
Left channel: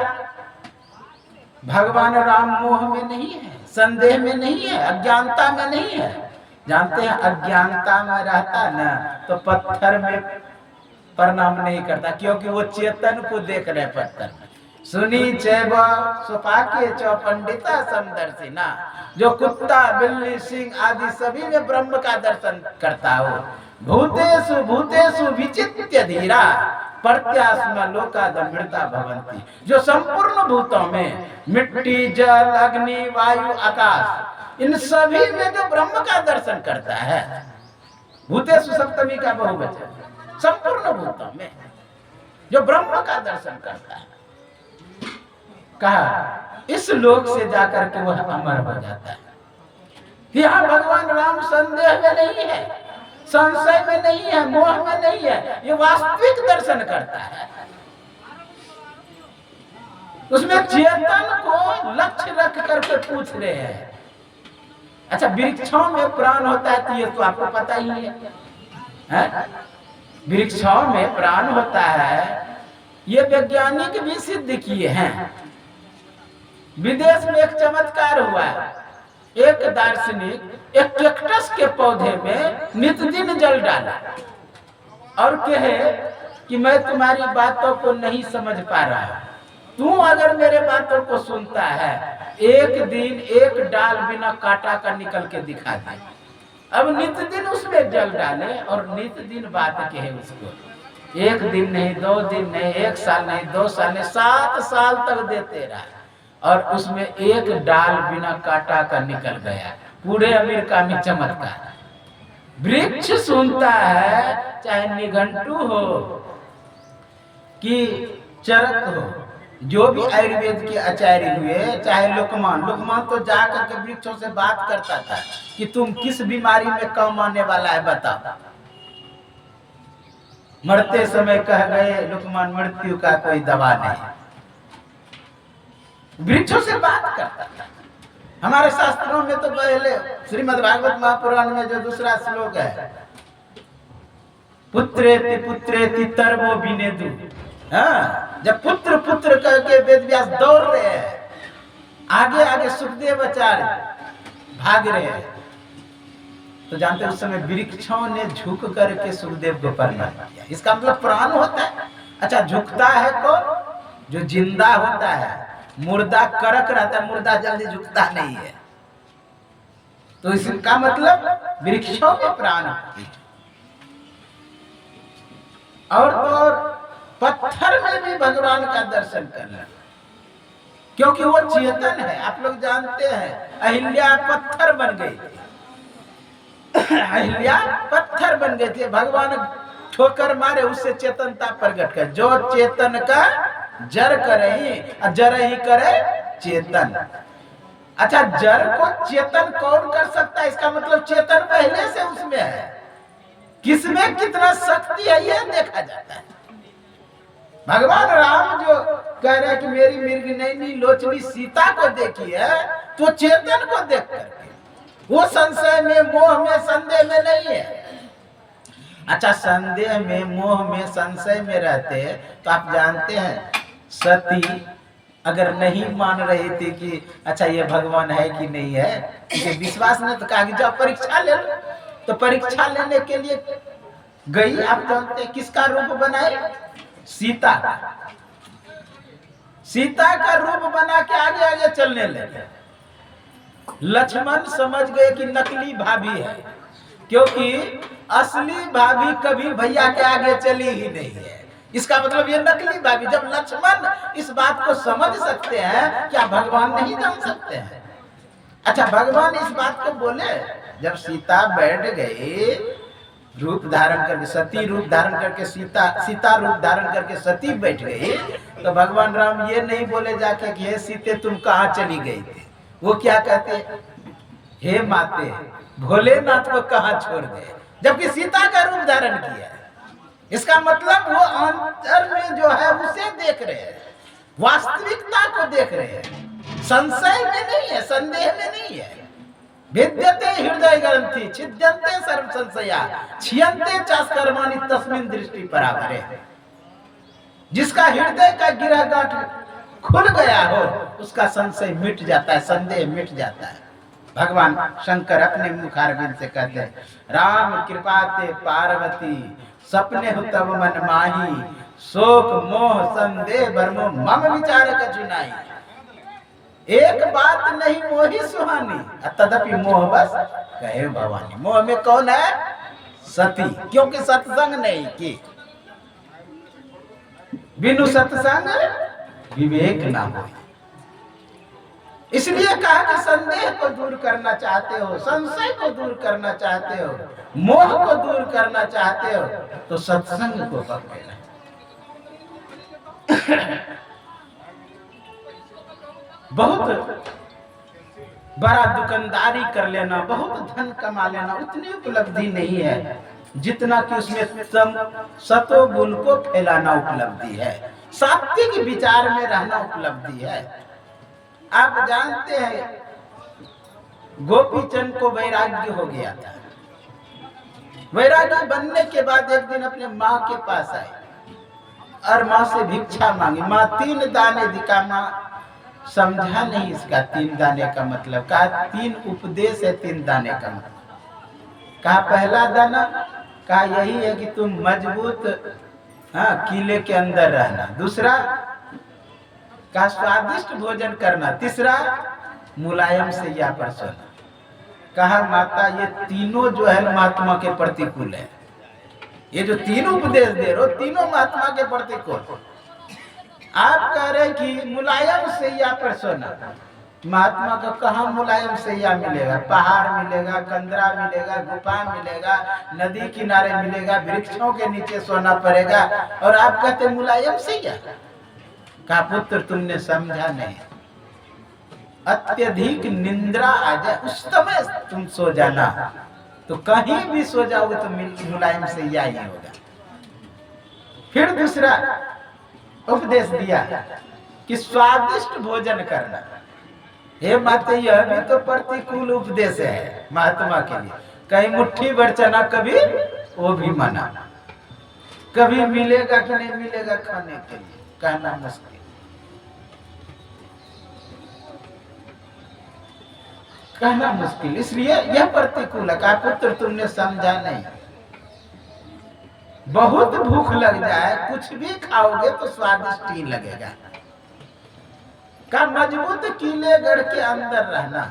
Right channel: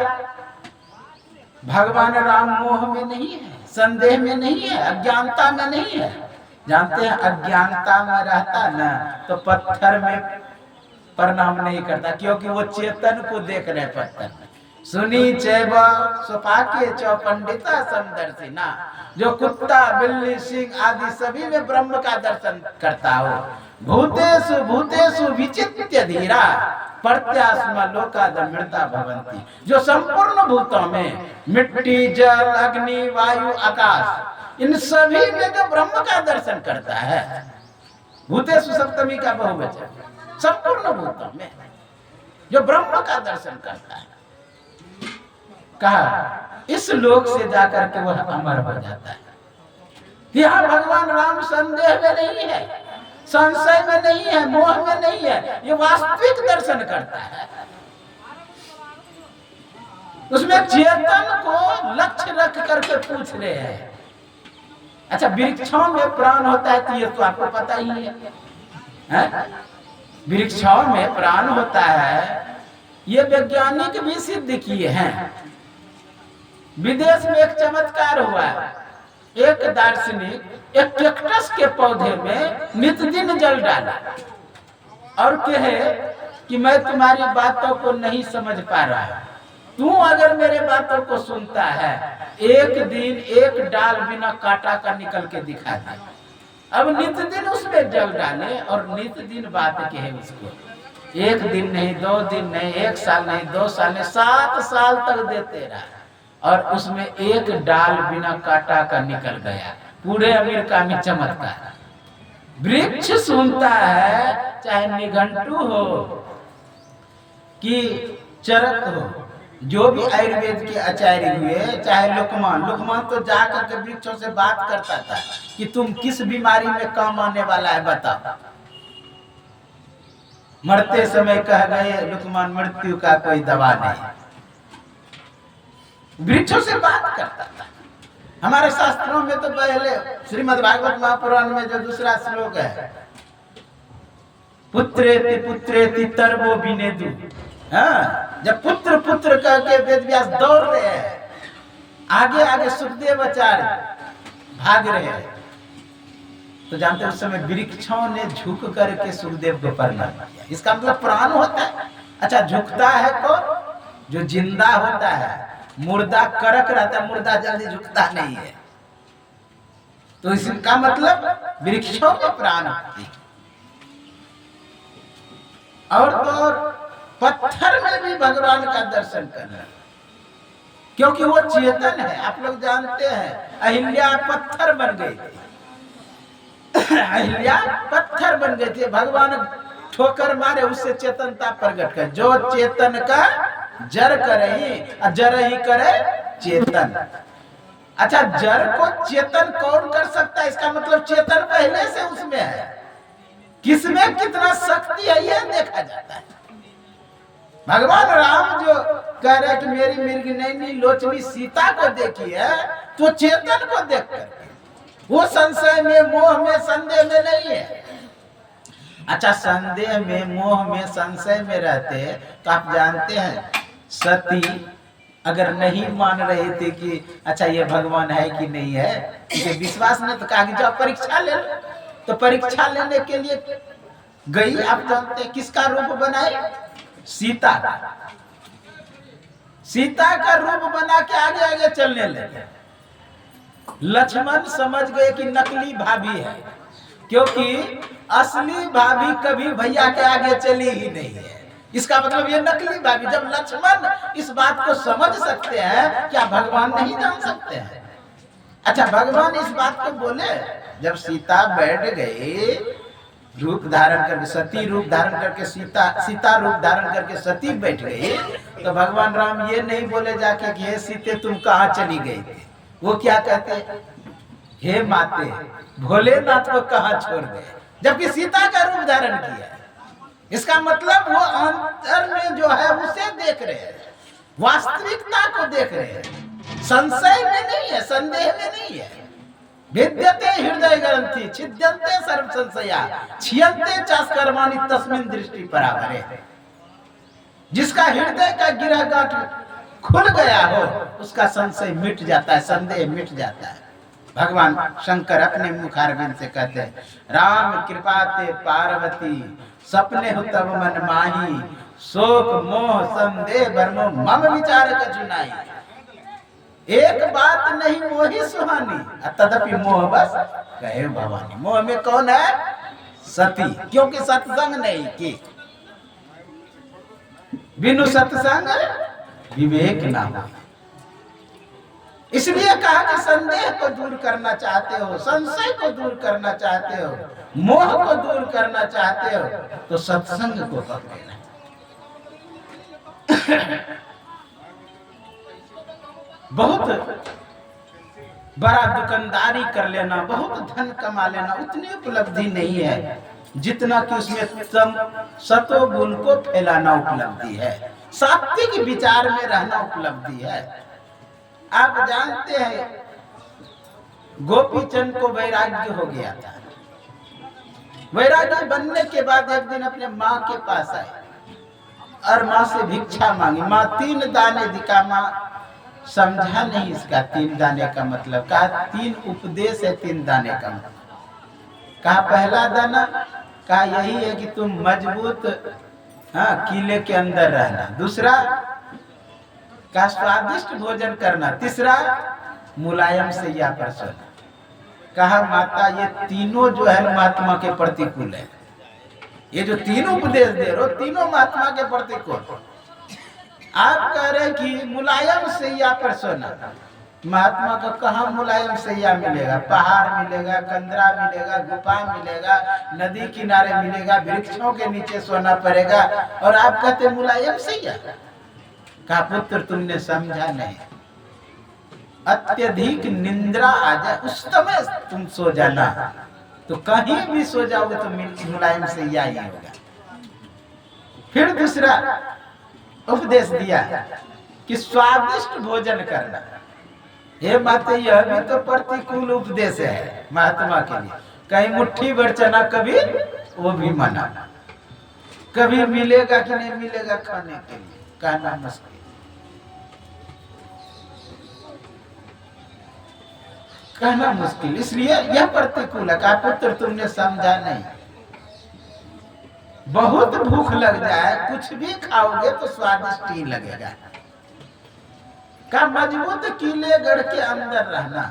भगवान राम मोह में नहीं है, संदेह में नहीं है, अज्ञानता में नहीं है। जानते हैं अज्ञानता में रहता ना तो पत्थर में प्रणाम नहीं करता, क्योंकि वो चेतन को देख रहे पत्थर में। सुनी चैब सुपाके चौ पंडिता समदर्शी ना, जो कुत्ता बिल्ली सिंह आदि सभी में ब्रह्म का दर्शन करता हो। भूतेषु भूतेषु विचित्य धीरा प्रत्यास्म लोकादमृता भवंती, जो संपूर्ण भूतों में मिट्टी जल अग्नि वायु आकाश इन सभी में जो ब्रह्म का दर्शन करता है, भूतेषु सप्तमी का बहुवचन, संपूर्ण भूतों में जो ब्रह्म का दर्शन करता है, कहा इस लोक से जाकर के वह अमर हो जाता है। यहाँ भगवान राम संदेह में नहीं है, संशय में नहीं है, मोह में नहीं है, ये वास्तविक दर्शन करता है। उसमें चेतन को लक्ष्य रख करके पूछ रहे हैं। अच्छा, वृक्षों में प्राण होता है तो ये तो आपको पता ही है? वृक्षों में प्राण होता है, ये वैज्ञानिक भी सिद्ध किए हैं। विदेश में एक चमत्कार हुआ है, एक दार्शनिक एक कैक्टस के पौधे में नित दिन जल डाला और कहे कि मैं तुम्हारी बातों को नहीं समझ पा रहा, तू अगर मेरे बातों को सुनता है, एक दिन एक डाल बिना काटा का निकल के दिखा दे। अब नित दिन उसमें जल डाले और नित दिन बात कहे उसको, एक दिन नहीं, 2 दिन नहीं, 1 साल नहीं, 2 साल नहीं, 7 साल तक देते रहा और उसमें एक डाल बिना काटा का निकल गया। पूरे अमेरिका में चमत्कार। वृक्ष सुनता है, चाहे निघंटू हो कि चरक हो, जो भी आयुर्वेद के आचार्य हुए, चाहे लुकमान तो जाकर के वृक्षों से बात करता था कि तुम किस बीमारी में काम आने वाला है बताओ। मरते समय कह गए लुकमान, मृत्यु का कोई दवा नहीं। वृक्षों से बात करता था। हमारे शास्त्रों में तो पहले श्रीमद् भागवत महापुराण में जो दूसरा श्लोक है, पुत्रेति पुत्रेति तर्वो विनेदु, हाँ, जब पुत्र पुत्र कह के वेद व्यास दौड़ रहे हैं, आगे आगे सुखदेव आचार्य भाग रहे हैं, तो जानते उस समय वृक्षों ने झुक करके सुखदेव को प्रणाम किया। इसका मतलब प्राण होता है। अच्छा, झुकता है कौन? जो जिंदा होता है। मुर्दा करक रहता है, मुर्दा जल्दी झुकता नहीं है। तो इसका मतलब वृक्षों में प्राण होती है। और तो पत्थर में भी भगवान का दर्शन करना, क्योंकि वो चेतन है। आप लोग जानते हैं अहिल्या पत्थर बन गई थी, अहिल्या पत्थर बन गई थी। भगवान ठोकर मारे, उससे चेतनता प्रकट कर। जो चेतन का जर करे ही, जर ही करे चेतन। अच्छा, जर को चेतन कौन कर सकता है? इसका मतलब चेतन पहले से उसमें है। किसमें कितना शक्ति है यह देखा जाता है। भगवान राम जो कह रहे हैं कि मेरी मिर्ग नैनी लोचनी सीता को देखी है, तो चेतन को देख करके वो संशय में, मोह में, संदेह में नहीं है। अच्छा, संदेह में, मोह में, संशय में रहते तो आप जानते हैं सती अगर नहीं मान रही थी कि अच्छा ये भगवान है कि नहीं है, इसे विश्वास नहीं, तो कहा कि जाओ परीक्षा ले लो। तो परीक्षा लेने के लिए गई। आप जानते हैं किसका रूप बनाई? सीता का। सीता का रूप बना के आगे आगे चलने लगे। लक्ष्मण समझ गए कि नकली भाभी है, क्योंकि असली भाभी कभी भैया के आगे चली ही नहीं है। इसका मतलब ये नकली भाभी। जब लक्ष्मण इस बात को समझ सकते हैं, क्या भगवान नहीं जान सकते हैं? अच्छा, भगवान इस बात को बोले जब सीता बैठ गई, रूप धारण करके, सती रूप धारण करके, सीता रूप धारण करके सती बैठ गई, तो भगवान राम ये नहीं बोले जाके कि हे सीते तुम कहाँ चली गई थी। वो क्या कहते, हे माते भोलेनाथ को कहाँ छोड़ गए, जबकि सीता का रूप धारण किया। इसका मतलब वो अंतर में जो है उसे देख रहे हैं, वास्तविकता को देख रहे हैं। संशय में नहीं है, संदेह में नहीं है। विद्यते हृदय ग्रंथि छिद्यन्ते सर्व संशया छियन्ते चास्कर्माणि तस्मिन् दृष्टि परावरे। जिसका हृदय का गिरह गांठ खुल गया हो, उसका संशय मिट जाता है, संदेह मिट जाता है। भगवान शंकर अपने मुखारविंद से कहते हैं, राम कृपा ते पार्वती सपने हो तब मन माही, शोक मोह संदेह भरमो मम विचार कछु नाहि। एक बात नहीं मोही सुहानी, तदपि मोह बस कहे भवानी। मोह में कौन है? सती, क्योंकि सत्संग नहीं की। बिनु सत्संग विवेक ना हो। इसलिए कहा कि संदेह को दूर करना चाहते हो, संशय को दूर करना चाहते हो, मोह को दूर करना चाहते हो, तो सत्संग को पकड़ना। बहुत बड़ा दुकानदारी कर लेना, बहुत धन कमा लेना उतनी उपलब्धि नहीं है जितना कि उसमें सतो गुण को फैलाना उपलब्धि है, सात्विक विचार में रहना उपलब्धि है। आप जानते हैं गोपीचंद को वैराग्य हो गया था। वैराग्य बनने के बाद एक दिन अपने माँ के पास आए और माँ से भिक्षा मांगी। माँ 3 दाने दिखा। माँ समझा नहीं इसका 3 दाने का मतलब। कहा 3 उपदेश है 3 दाने का मतलब। कहा पहला दाना, कहा यही है कि तुम मजबूत हाँ, किले के अंदर रहना। दूसरा का स्वादिष्ट भोजन करना। तीसरा मुलायम सैया पर सोना। कहा माता ये तीनों जो है महात्मा के प्रतिकूल है। ये जो तीनों उपदेश दे रहे हो तीनों महात्मा के प्रतिकूल। आप कह रहे कि मुलायम सैया पर सोना। महात्मा का कहाँ मुलायम सैया मिलेगा? पहाड़ मिलेगा, कंदरा मिलेगा, गुफा मिलेगा, नदी किनारे मिलेगा, वृक्षों के नीचे सोना पड़ेगा, और आप कहते मुलायम सैया। कहा पुत्र तुमने समझा नहीं, अत्यधिक निंद्रा आ जाए उस समय तुम सो जाना, तो कहीं भी सो जाओगे तो मुलायम सैया ही होगा। फिर दूसरा उपदेश दिया कि स्वादिष्ट भोजन करना। हे माते यह भी तो प्रतिकूल उपदेश है महात्मा के लिए। कहीं मुट्ठी भर चना कभी वो भी मना, कभी मिलेगा कि नहीं मिलेगा खाने के लिए कहना मुश्किल। कहना मुश्किल, इसलिए यह प्रतिकूल है। कहा पुत्र तुमने समझा नहीं, बहुत भूख लग जाए कुछ भी खाओगे तो स्वादिष्ट ही लगेगा। का मजबूत किले गढ़ के अंदर रहना।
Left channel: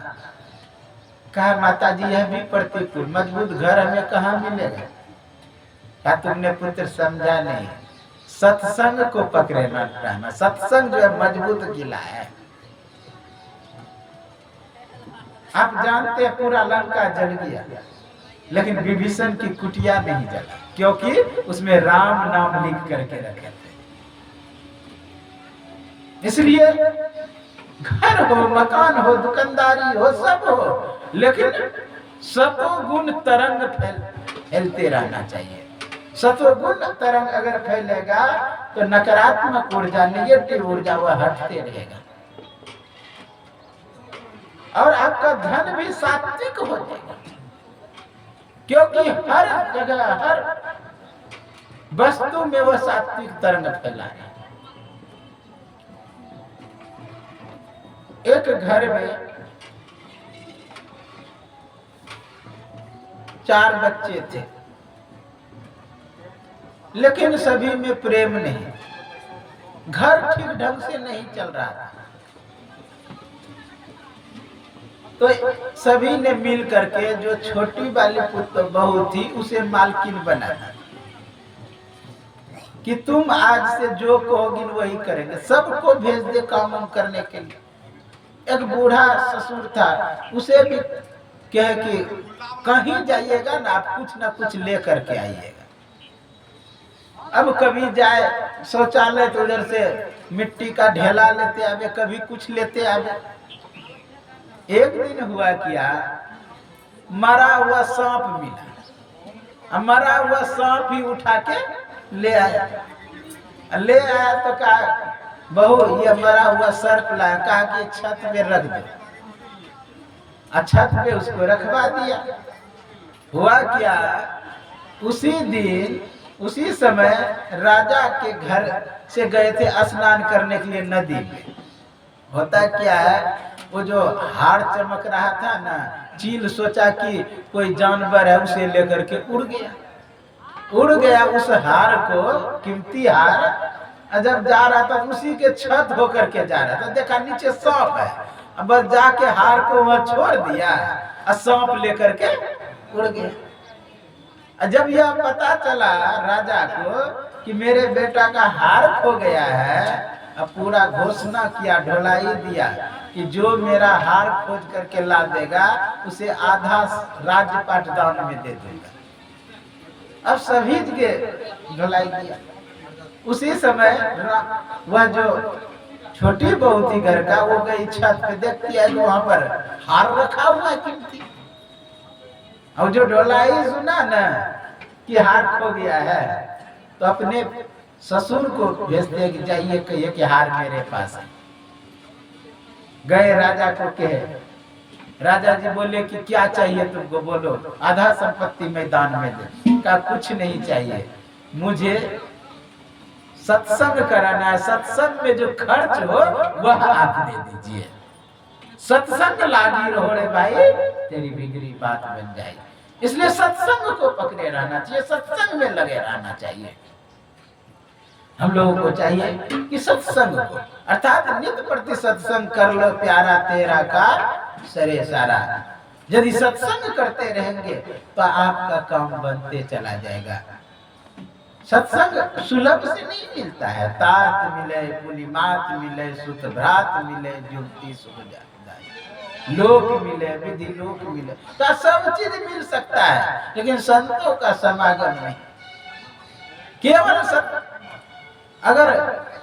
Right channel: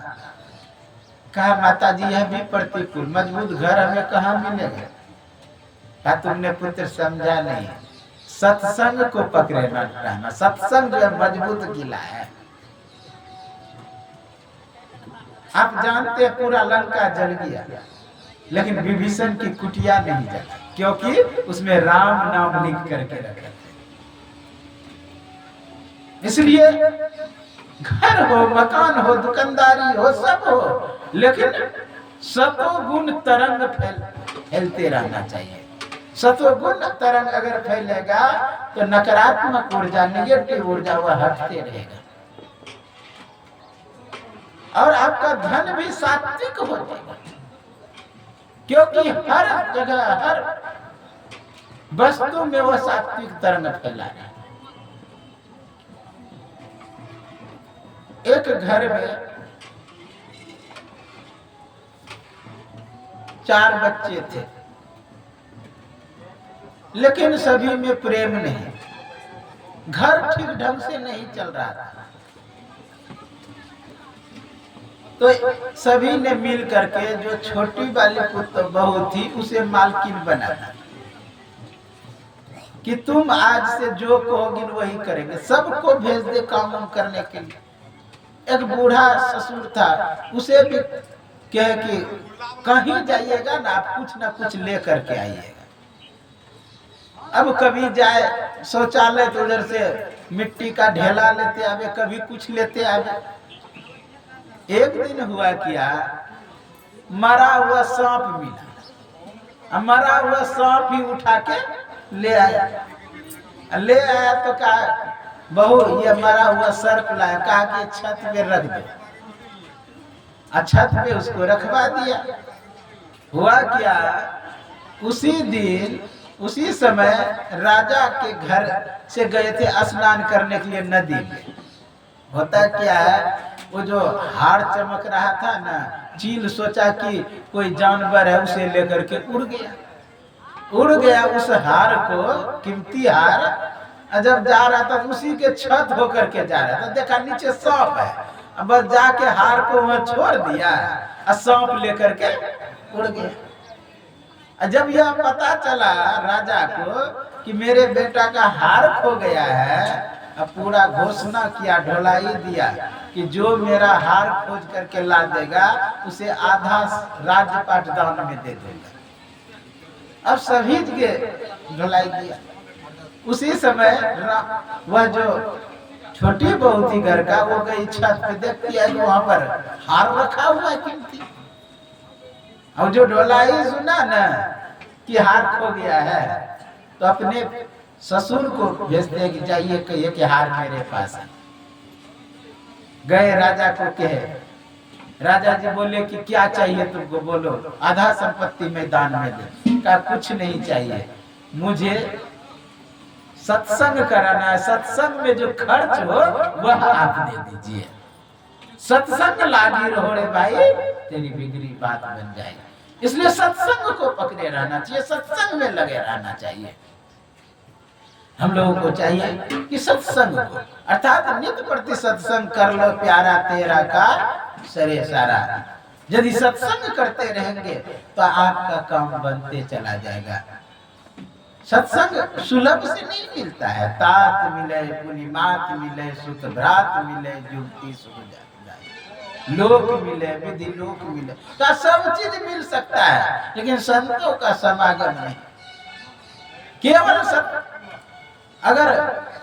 कहा माता जी यह भी प्रतिकूल, मजबूत घर हमें कहाँ मिलेगा? कहा तुमने पुत्र समझा नहीं, सत्संग को पकड़े न रहना। सत्संग जो है मजबूत किला है। आप जानते हैं पूरा लंका जल गया, लेकिन विभीषण की कुटिया नहीं जला, क्योंकि उसमें राम नाम लिख करके रखे थे। इसलिए घर हो, मकान हो, दुकानदारी हो, सब हो, लेकिन सतोगुण तरंग फैलते रहना चाहिए। सतोगुण तरंग अगर फैलेगा तो नकारात्मक ऊर्जा, निगेटिव ऊर्जा वह हटते रहेगा, और आपका धन भी सात्विक हो जाएगा, क्योंकि हर जगह हर वस्तु में वह सात्विक तरंग फैला है। एक घर में 4 बच्चे थे, लेकिन सभी में प्रेम नहीं, घर ठीक ढंग से नहीं चल रहा था। तो सभी ने मिल करके जो छोटी वाली पुत्र बहू थी उसे मालकिन बना दी कि तुम आज से जो कहोगी वही करेंगे, सबको भेज दे काम करने के लिए। एक बूढ़ा ससुर था, उसे भी कहे कि कहीं जाइएगा ना आप कुछ ना कुछ ले करके आइएगा। अब कभी जाए शौचालय तो उधर से मिट्टी का ढेला लेते आवे, कभी कुछ लेते आवे। एक दिन हुआ क्या, मरा हुआ सांप मिला, मरा हुआ सांप ही उठा के ले आया तो कहा बहू ये मरा हुआ सर्प लाया। कहा कि छत पे रख दो, छत पे उसको रखवा दिया। हुआ क्या, उसी दिन उसी समय राजा के घर से गए थे स्नान करने के लिए नदी में। होता क्या है, वो जो हार चमक रहा था ना, चील सोचा कि कोई जानवर है, उसे लेकर के उड़ गया उस हार को, कीमती हार। जब जा रहा था उसी के छत होकर के जा रहा था, देखा नीचे सांप है, अब जाके हार को वहां छोड़ दिया और सांप लेकर के उड़ गया। जब यह पता चला राजा को कि मेरे बेटा का हार खो गया है, अब पूरा घोषणा किया, ढोलाई दिया कि जो मेरा हार खोज करके ला देगा उसे आधा राज्यपाट दान में दे दूंगा। अब सभी के ढोलाई दिया। उसी समय वह जो छोटी बहू थी घर का, वो गई छत पे, देखती है वहां पर हार रखा हुआ है कीमती। और जो ढोलाई सुना ना कि हार खो गया है, तो अपने ससुर को भेजते कि जाइए कहिए कि हार मेरे पास है। गए राजा को कहे, राजा जी बोले कि क्या चाहिए तुमको, बोलो आधा संपत्ति में दान में दे। कहा कुछ नहीं चाहिए, मुझे सत्संग कराना है, सत्संग में जो खर्च हो वह आप दे दीजिए। सत्संग लागी रहो रे भाई, तेरी बिगड़ी बात बन जाएगी। इसलिए सत्संग को पकड़े रहना चाहिए, सत्संग में लगे रहना चाहिए। हम लोगों को चाहिए कि सत्संग को, अर्थात नित्य प्रति सत्संग कर लो प्यारा तेरा का सरे सारा। यदि सत्संग करते रहेंगे तो आपका काम बनते चला जाएगा। सत्संग सुलभ से नहीं मिलता है। तात मिले पुलिमात मिले सुत भ्रात मिले जुगती सुख जाए, लोक मिले विधि लोक मिले, तो सब चीज मिल सकता है, लेकिन संतों का समागम नहीं। केवल अगर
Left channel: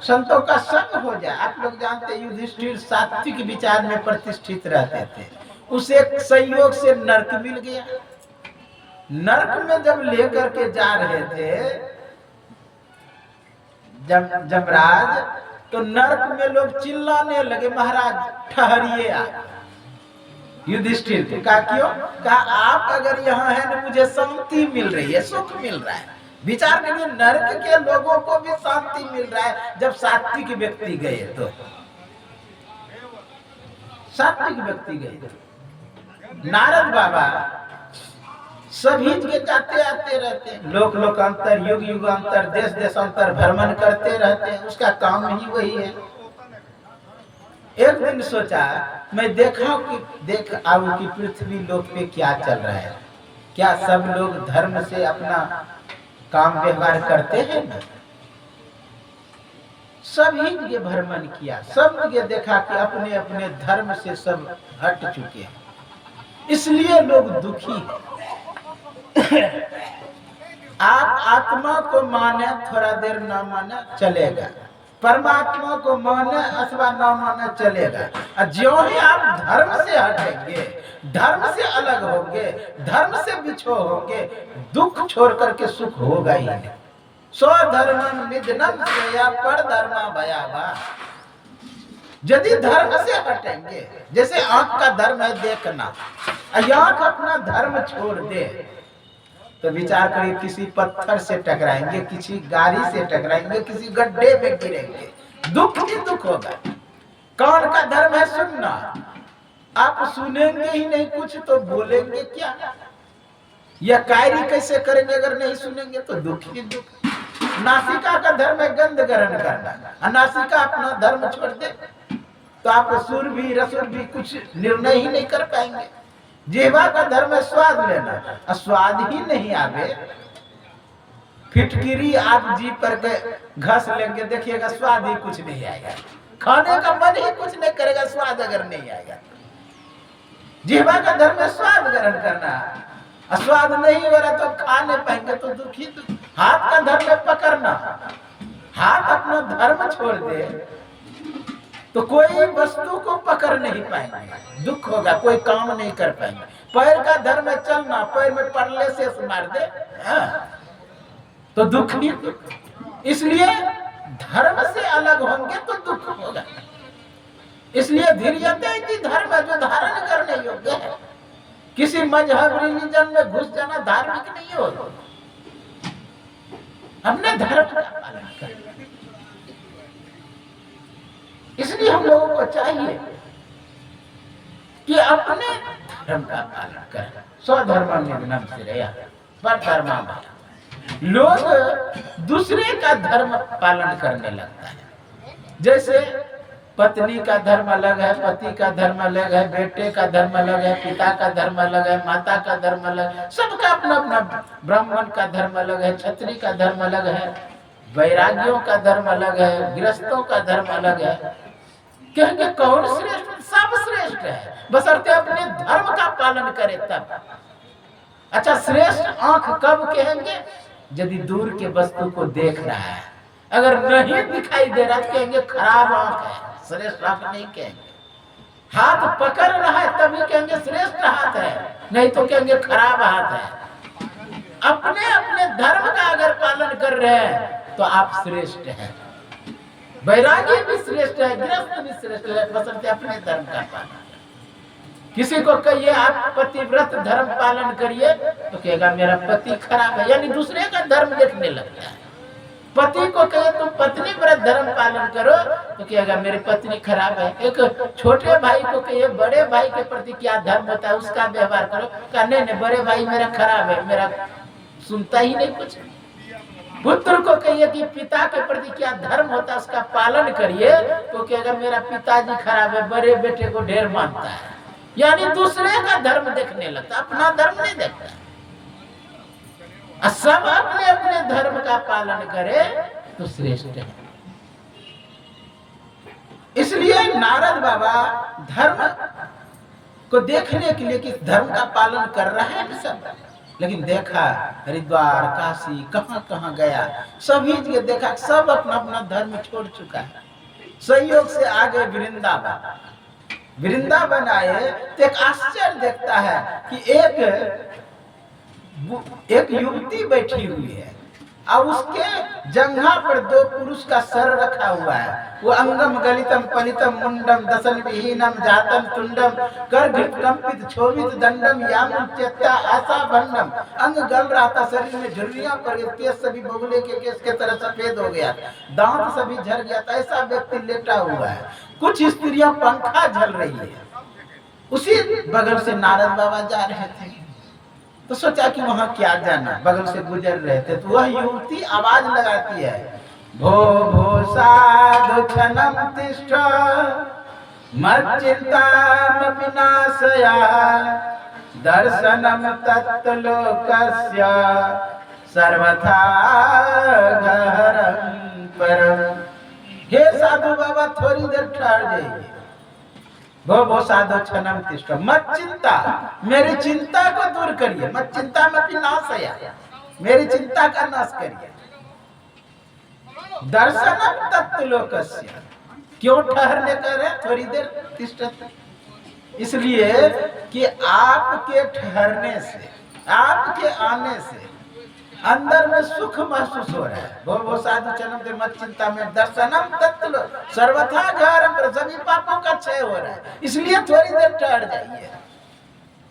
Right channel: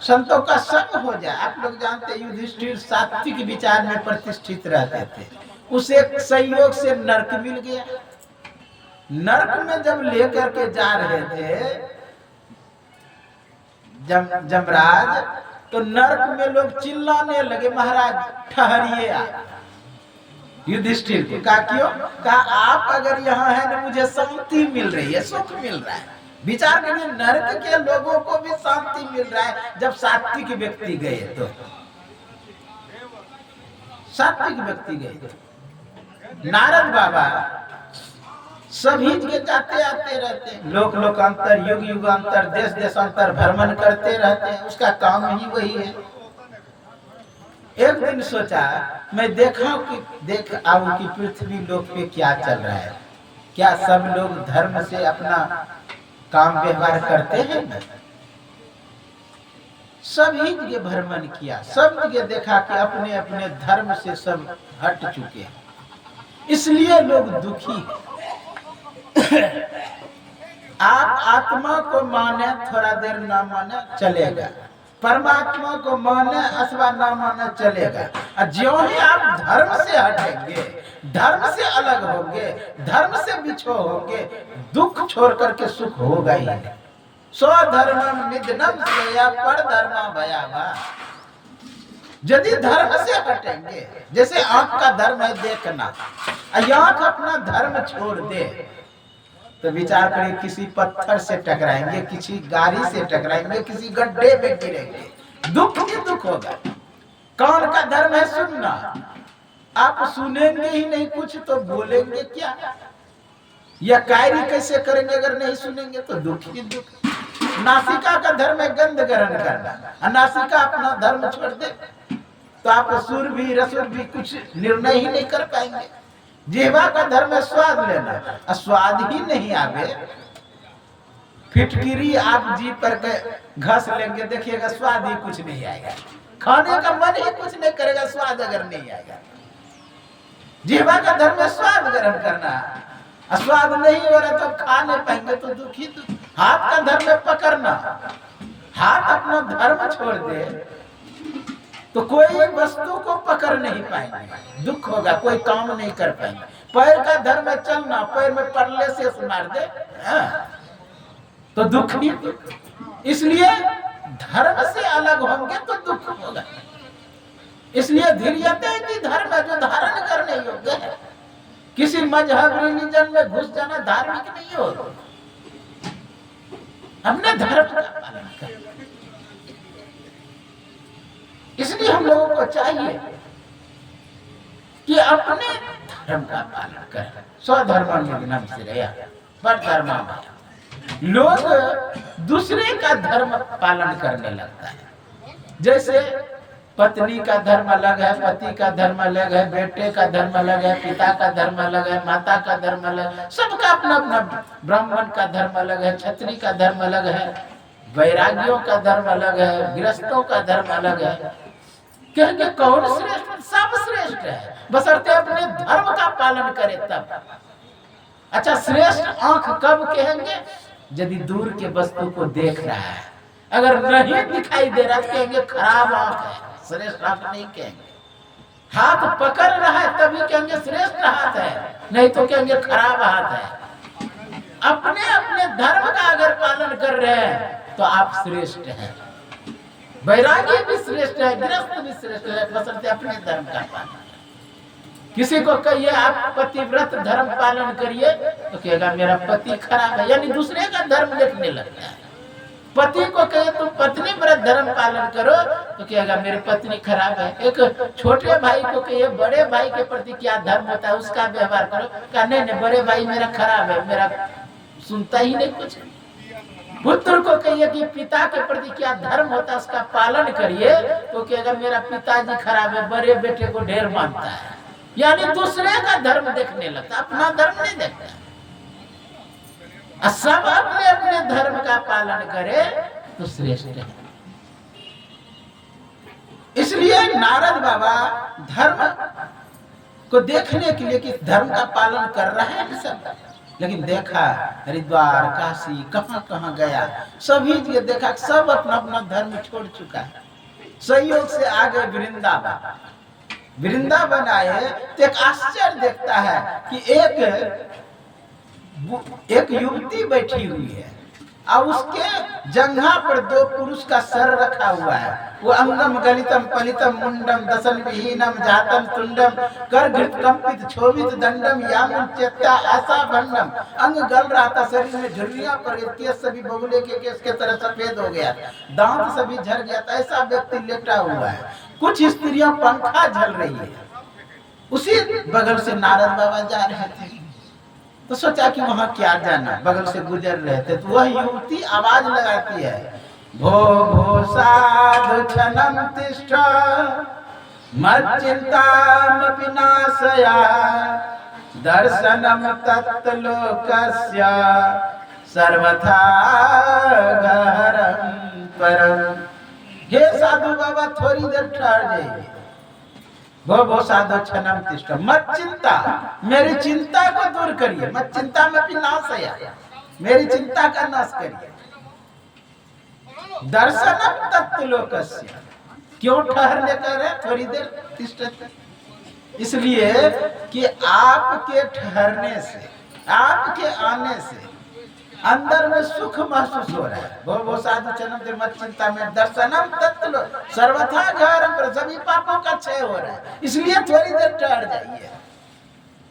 संतों का संग हो जाए। आप लोग जानते हैं युधिष्ठिर सात्विक विचार में प्रतिष्ठित रहते थे, उसे संयोग से नरक मिल गया। नरक में जब लेकर के जा रहे थे जमराज, तो नरक में लोग चिल्लाने लगे, महाराज ठहरिए आप। युधिष्ठिर को कहा क्यों? कहा आप अगर यहाँ है ना, मुझे शांति मिल रही है, सुख मिल रहा है। विचार करिए, नरक के लोगों को भी शांति मिल रहा है जब सात्विक व्यक्ति गए तो। सात्विक व्यक्ति गए तो नारद बाबा सभी जगह जाते आते रहते हैं, लोक लोकांतर युग युगांतर देश देशांतर भ्रमण करते रहते हैं, उसका काम ही वही है। एक दिन सोचा मैं देखा कि देख आऊं कि पृथ्वी लोक पे क्या चल रहा है, क्या सब लोग धर्म से अपना काम व्यवहार करते हैं ना। सभी जगह भ्रमण किया, सब जगह देखा कि अपने अपने धर्म से सब हट चुके हैं, इसलिए लोग दुखी हैं। आप आत्मा को माने थोड़ा देर न माने चलेगा, परमात्मा को माने अथवा न माने चलेगा। और ज्यों ही आप धर्म से हटेंगे, धर्म से अलग होंगे, धर्म से बिछो होंगे, दुख छोड़ करके सुख होगा ही नहीं। स्वधर्मम निधनम श्रेया पर धर्मा भयावा। यदि धर्म से हटेंगे, जैसे आंख का धर्म है देखना, आंख अपना धर्म छोड़ दे तो विचार करिए किसी पत्थर से टकराएंगे, किसी गाड़ी से टकराएंगे, किसी गड्ढे में गिरेंगे, दुख ही दुख होगा। कौन का धर्म है सुनना, आप सुनेंगे ही नहीं कुछ तो बोलेंगे क्या? या कार्य कैसे करेंगे अगर नहीं सुनेंगे तो दुख ही दुख। नासिका का धर्म है गंध ग्रहण करना, नासिका अपना धर्म छोड़ दे तो आप सुर भी रसुर भी कुछ निर्णय ही नहीं कर पाएंगे। जिह्वा का धर्म है स्वाद लेना, और स्वाद ही नहीं आवे, फिटकिरी आप जी पर के घस लेंगे, देखिएगा स्वाद ही कुछ नहीं आएगा, खाने का मन ही कुछ नहीं करेगा स्वाद अगर नहीं आएगा। जिह्वा का धर्म है स्वाद ग्रहण करना, स्वाद नहीं हो रहा तो खा नहीं पाएंगे तो दुखी दुख। हाथ का धर्म है पकड़ना, हाथ अपना धर्म छोड़ दे तो कोई वस्तु को पकड़ नहीं पाएंगे, दुख होगा, कोई काम नहीं कर पाएंगे। पैर का धर्म है चलना, पैर में पड़ले से मार दे तो दुख ही दुख। इसलिए धर्म से अलग होंगे तो दुख होगा। इसलिए धीर्यते की धर्म है जो धारण करने योग्य है। किसी मजहब रिलीजन में घुस जाना धार्मिक नहीं हो, हमने धर्म का पालन करना। इसलिए हम लोगों को चाहिए कि अपने धर्म का पालन करें। स्वधर्म निधनम श्रेया पर धर्मा भया। लोग दूसरे का धर्म पालन करने लगता है। जैसे पत्नी का धर्म अलग है, पति का धर्म अलग है, बेटे का धर्म अलग है, पिता का धर्म अलग है, माता का धर्म अलग है, सबका अपना अपना। ब्राह्मण का धर्म अलग है, क्षत्रिय का धर्म अलग है, वैरागियों का धर्म अलग है, गृहस्थों का धर्म अलग है। कहेंगे कौन श्रेष्ठ? सब श्रेष्ठ है, बशर्ते अपने धर्म का पालन करे तब। अच्छा, श्रेष्ठ आंख कब कहेंगे? यदि दूर के वस्तु को देख रहा है, अगर नहीं दिखाई दे रहा तो कहेंगे खराब आंख है, श्रेष्ठ आंख नहीं कहेंगे। हाथ पकड़ रहा है तभी कहेंगे श्रेष्ठ हाथ है, नहीं तो कहेंगे खराब हाथ है। अपने अपने धर्म का अगर पालन कर रहे हैं तो आप श्रेष्ठ हैं। वैरागी भी श्रेष्ठ है, गृहस्थ भी श्रेष्ठ है, बशर्ते अपने धर्म का पालन। किसी को कहिए आप पतिव्रत धर्म पालन करिए तो कहेगा मेरा पति खराब है, यानी दूसरे का धर्म देखने लगता है। पति को कहिए तुम पत्नी व्रत धर्म पालन करो तो कहेगा मेरी पत्नी खराब है। एक छोटे भाई को कहिए बड़े भाई के प्रति क्या धर्म होता है उसका व्यवहार करो, कहा नहीं नहीं बड़े भाई मेरा खराब है, मेरा सुनता ही नहीं कुछ। पुत्र को कहिए कि पिता के प्रति क्या धर्म होता है उसका पालन करिए, तो कहेगा मेरा पिताजी खराब है, बड़े बेटे को ढेर मानता है। यानी दूसरे का धर्म देखने लगता, अपना धर्म नहीं देखता। सब अपने अपने धर्म का पालन करे तो श्रेष्ठ है। इसलिए नारद बाबा धर्म को देखने के लिए कि धर्म का पालन कर रहा है सब, लेकिन देखा हरिद्वार काशी कहां कहां गया, सभी जगह देखा सब अपना अपना धर्म छोड़ चुका है। संयोग से आ गए वृंदावन। वृंदावन आए तो एक आश्चर्य देखता है कि एक युवती बैठी हुई है और उसके जंघा पर दो पुरुष का सर रखा हुआ है। वो अंगम गलितम पलितम मुंडम दसन विहीनम जातम तुंडम कर घृत कंपित क्षोभित दंडम यामुन चेत्ता आशा भंडम। अंग गल रहा था, शरीर में झुर्रियां पड़ गई, केस सभी बगुले के केस के तरह सफेद हो गया, दांत सभी झड़ गया था। ऐसा व्यक्ति लेटा हुआ है। कुछ स्त्रियां पंखा झल रही है। उसी बगल से नारद बाबा जा रहे थे तो सोचा कि वहां क्या जाना, बगल से गुजर रहे थे तो वह युवती आवाज लगाती है, भो भो साधु क्षणम तिष्ठ मच्चिंतामपि नाशया दर्शनम तत्लोकस्य सर्वथा गहरं परम। हे साधु बाबा थोड़ी देर ठहर जाइए। वो साधु क्षणम तिष्ठ मत चिंता, मेरी चिंता को दूर करिए। मत चिंता में भी नाश है, मेरी चिंता का नाश करिए। दर्शनम तत्लोकस्य, क्यों ठहरने का रहे थोड़ी देर तिष्ठत? इसलिए कि आपके ठहरने से, आपके आने से अंदर में सुख महसूस हो रहा है। वो साधु चरण मत चिंता में दर्शनम तत्लो सर्वथा घरम पर, सभी पापों का क्षय हो रहा है, इसलिए थोड़ी देर ठहर जाइए।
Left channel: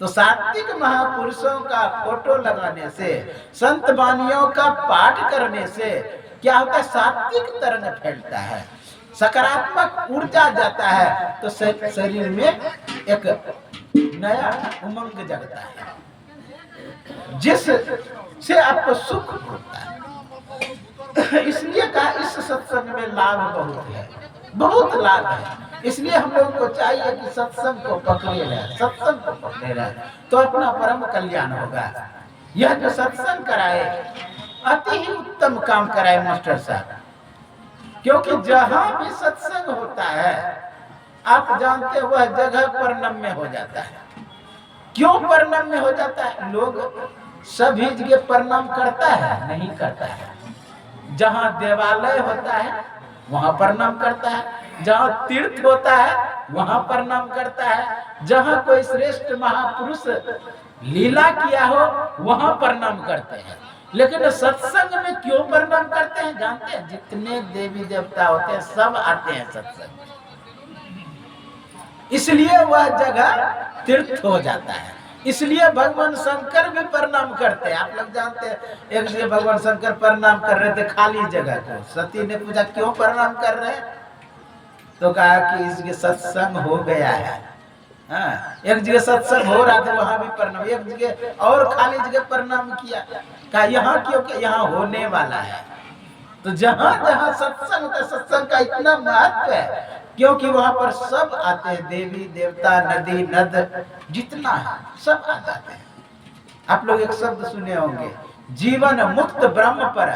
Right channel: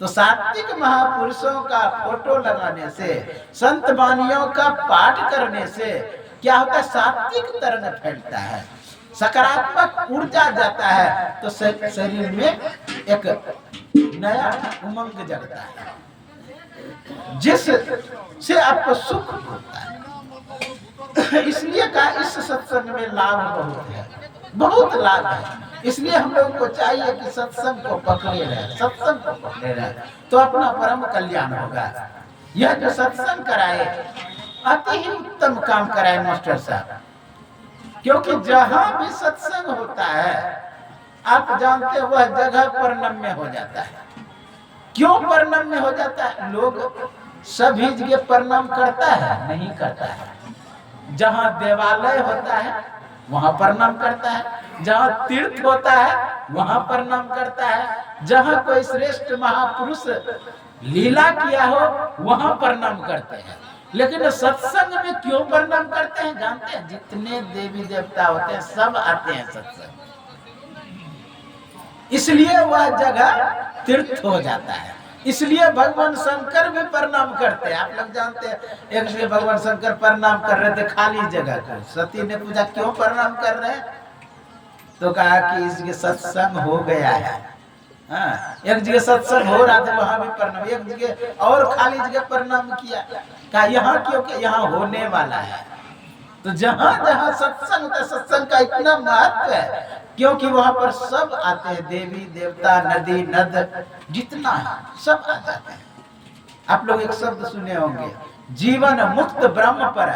तो सात्विक महापुरुषों का फोटो लगाने से, संत वाणियों का पाठ करने से क्या होता है? सात्विक तरंग फैलता है, सकारात्मक ऊर्जा जाता है, तो शरीर में एक नया उमंग जगता है, जिससे आपको सुख होता है। इसलिए कहा इस सत्संग में लाभ बहुत है, बहुत लाभ है। इसलिए हम लोगों को चाहिए कि सत्संग को पकड़े रहे, सत्संग को पकड़े रहे, तो अपना परम कल्याण होगा। यह जो सत्संग कराए अति ही उत्तम काम कराए मास्टर साहब, क्योंकि जहां भी सत्संग होता है आप जानते वह जगह परनम्य हो जाता है। क्यों परनम्य हो जाता है? लोग सभी जगह प्रणाम करता है? नहीं करता है। जहां देवालय होता है वहां प्रणाम करता है, जहां तीर्थ होता है वहां प्रणाम करता है, जहां कोई श्रेष्ठ महापुरुष लीला किया हो वहां प्रणाम करते हैं। लेकिन सत्संग में क्यों प्रणाम करते हैं जानते हैं? जितने देवी देवता होते हैं सब आते हैं सत्संग, इसलिए वह जगह तीर्थ हो जाता है। इसलिए भगवान शंकर भी प्रणाम करते हैं। आप लोग जानते हैं एक जगह भगवान शंकर प्रणाम कर रहे थे खाली जगह को। सती ने पूछा क्यों प्रणाम कर रहे हैं? तो कहा कि इस जगह सत्संग हो गया है। एक जगह सत्संग हो रहा था वहां भी प्रणाम, एक जगह और खाली जगह प्रणाम किया। कहा यहाँ क्योंकि यहाँ होने वाला है। तो जहां जहां सत्संग होता है, सत्संग का इतना महत्व है क्योंकि वहां पर सब आते हैं, देवी देवता नदी नद जितना है सब आ जाते हैं। आप लोग एक शब्द सुने होंगे, जीवन मुक्त ब्रह्म पर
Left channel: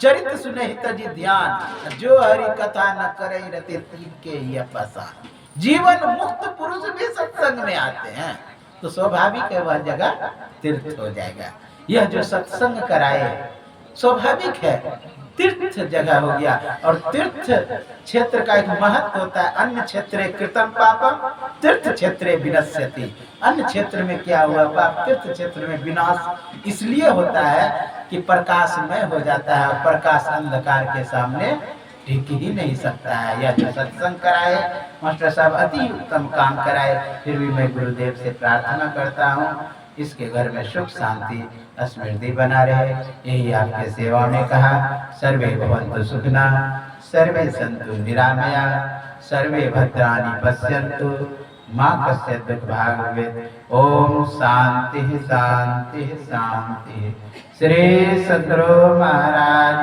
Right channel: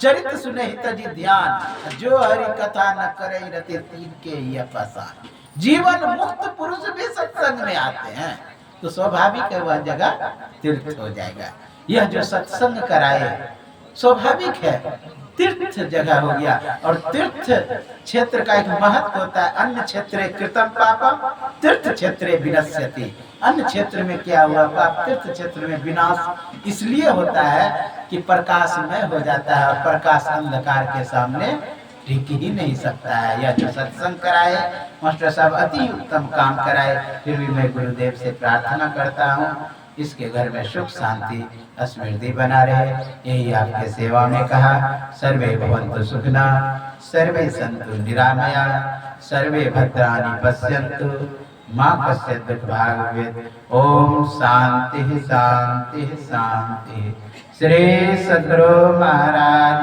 चरित्र सुने हित जी ध्यान, जो हरि कथा न करे रति तीन के ही अपसान। जीवन मुक्त पुरुष भी सत्संग में आते हैं तो स्वाभाविक है वह जगह तीर्थ हो जाएगा। यह जो सत्संग कराए स्वाभाविक है तीर्थ जगह हो गया। और तीर्थ क्षेत्र का एक महत्व होता है, अन्य क्षेत्रे कृतम पापम तीर्थ क्षेत्रे विनश्यति। अन्य क्षेत्र में क्या हुआ पाप, तीर्थ क्षेत्र में विनाश इसलिए होता है कि प्रकाशमय हो जाता है और प्रकाश अंधकार के सामने टिक ही नहीं सकता है। यह जो सत्संग कराए मास्टर साहब अति उत्तम काम कराए। फिर भी मैं गुरुदेव से प्रार्थना करता हूँ इसके घर में सुख शांति स्मृति बना रहे, यही आपके सेवा में कहा। सर्वे भवन्तु सुखिना सर्वे सन्तु निरामया सर्वे भद्राणि पश्यन्तु मां कश्चित् दुर्भाग् भवेत्। ओम शांति शांति शांति। श्री सद्गुरु महाराज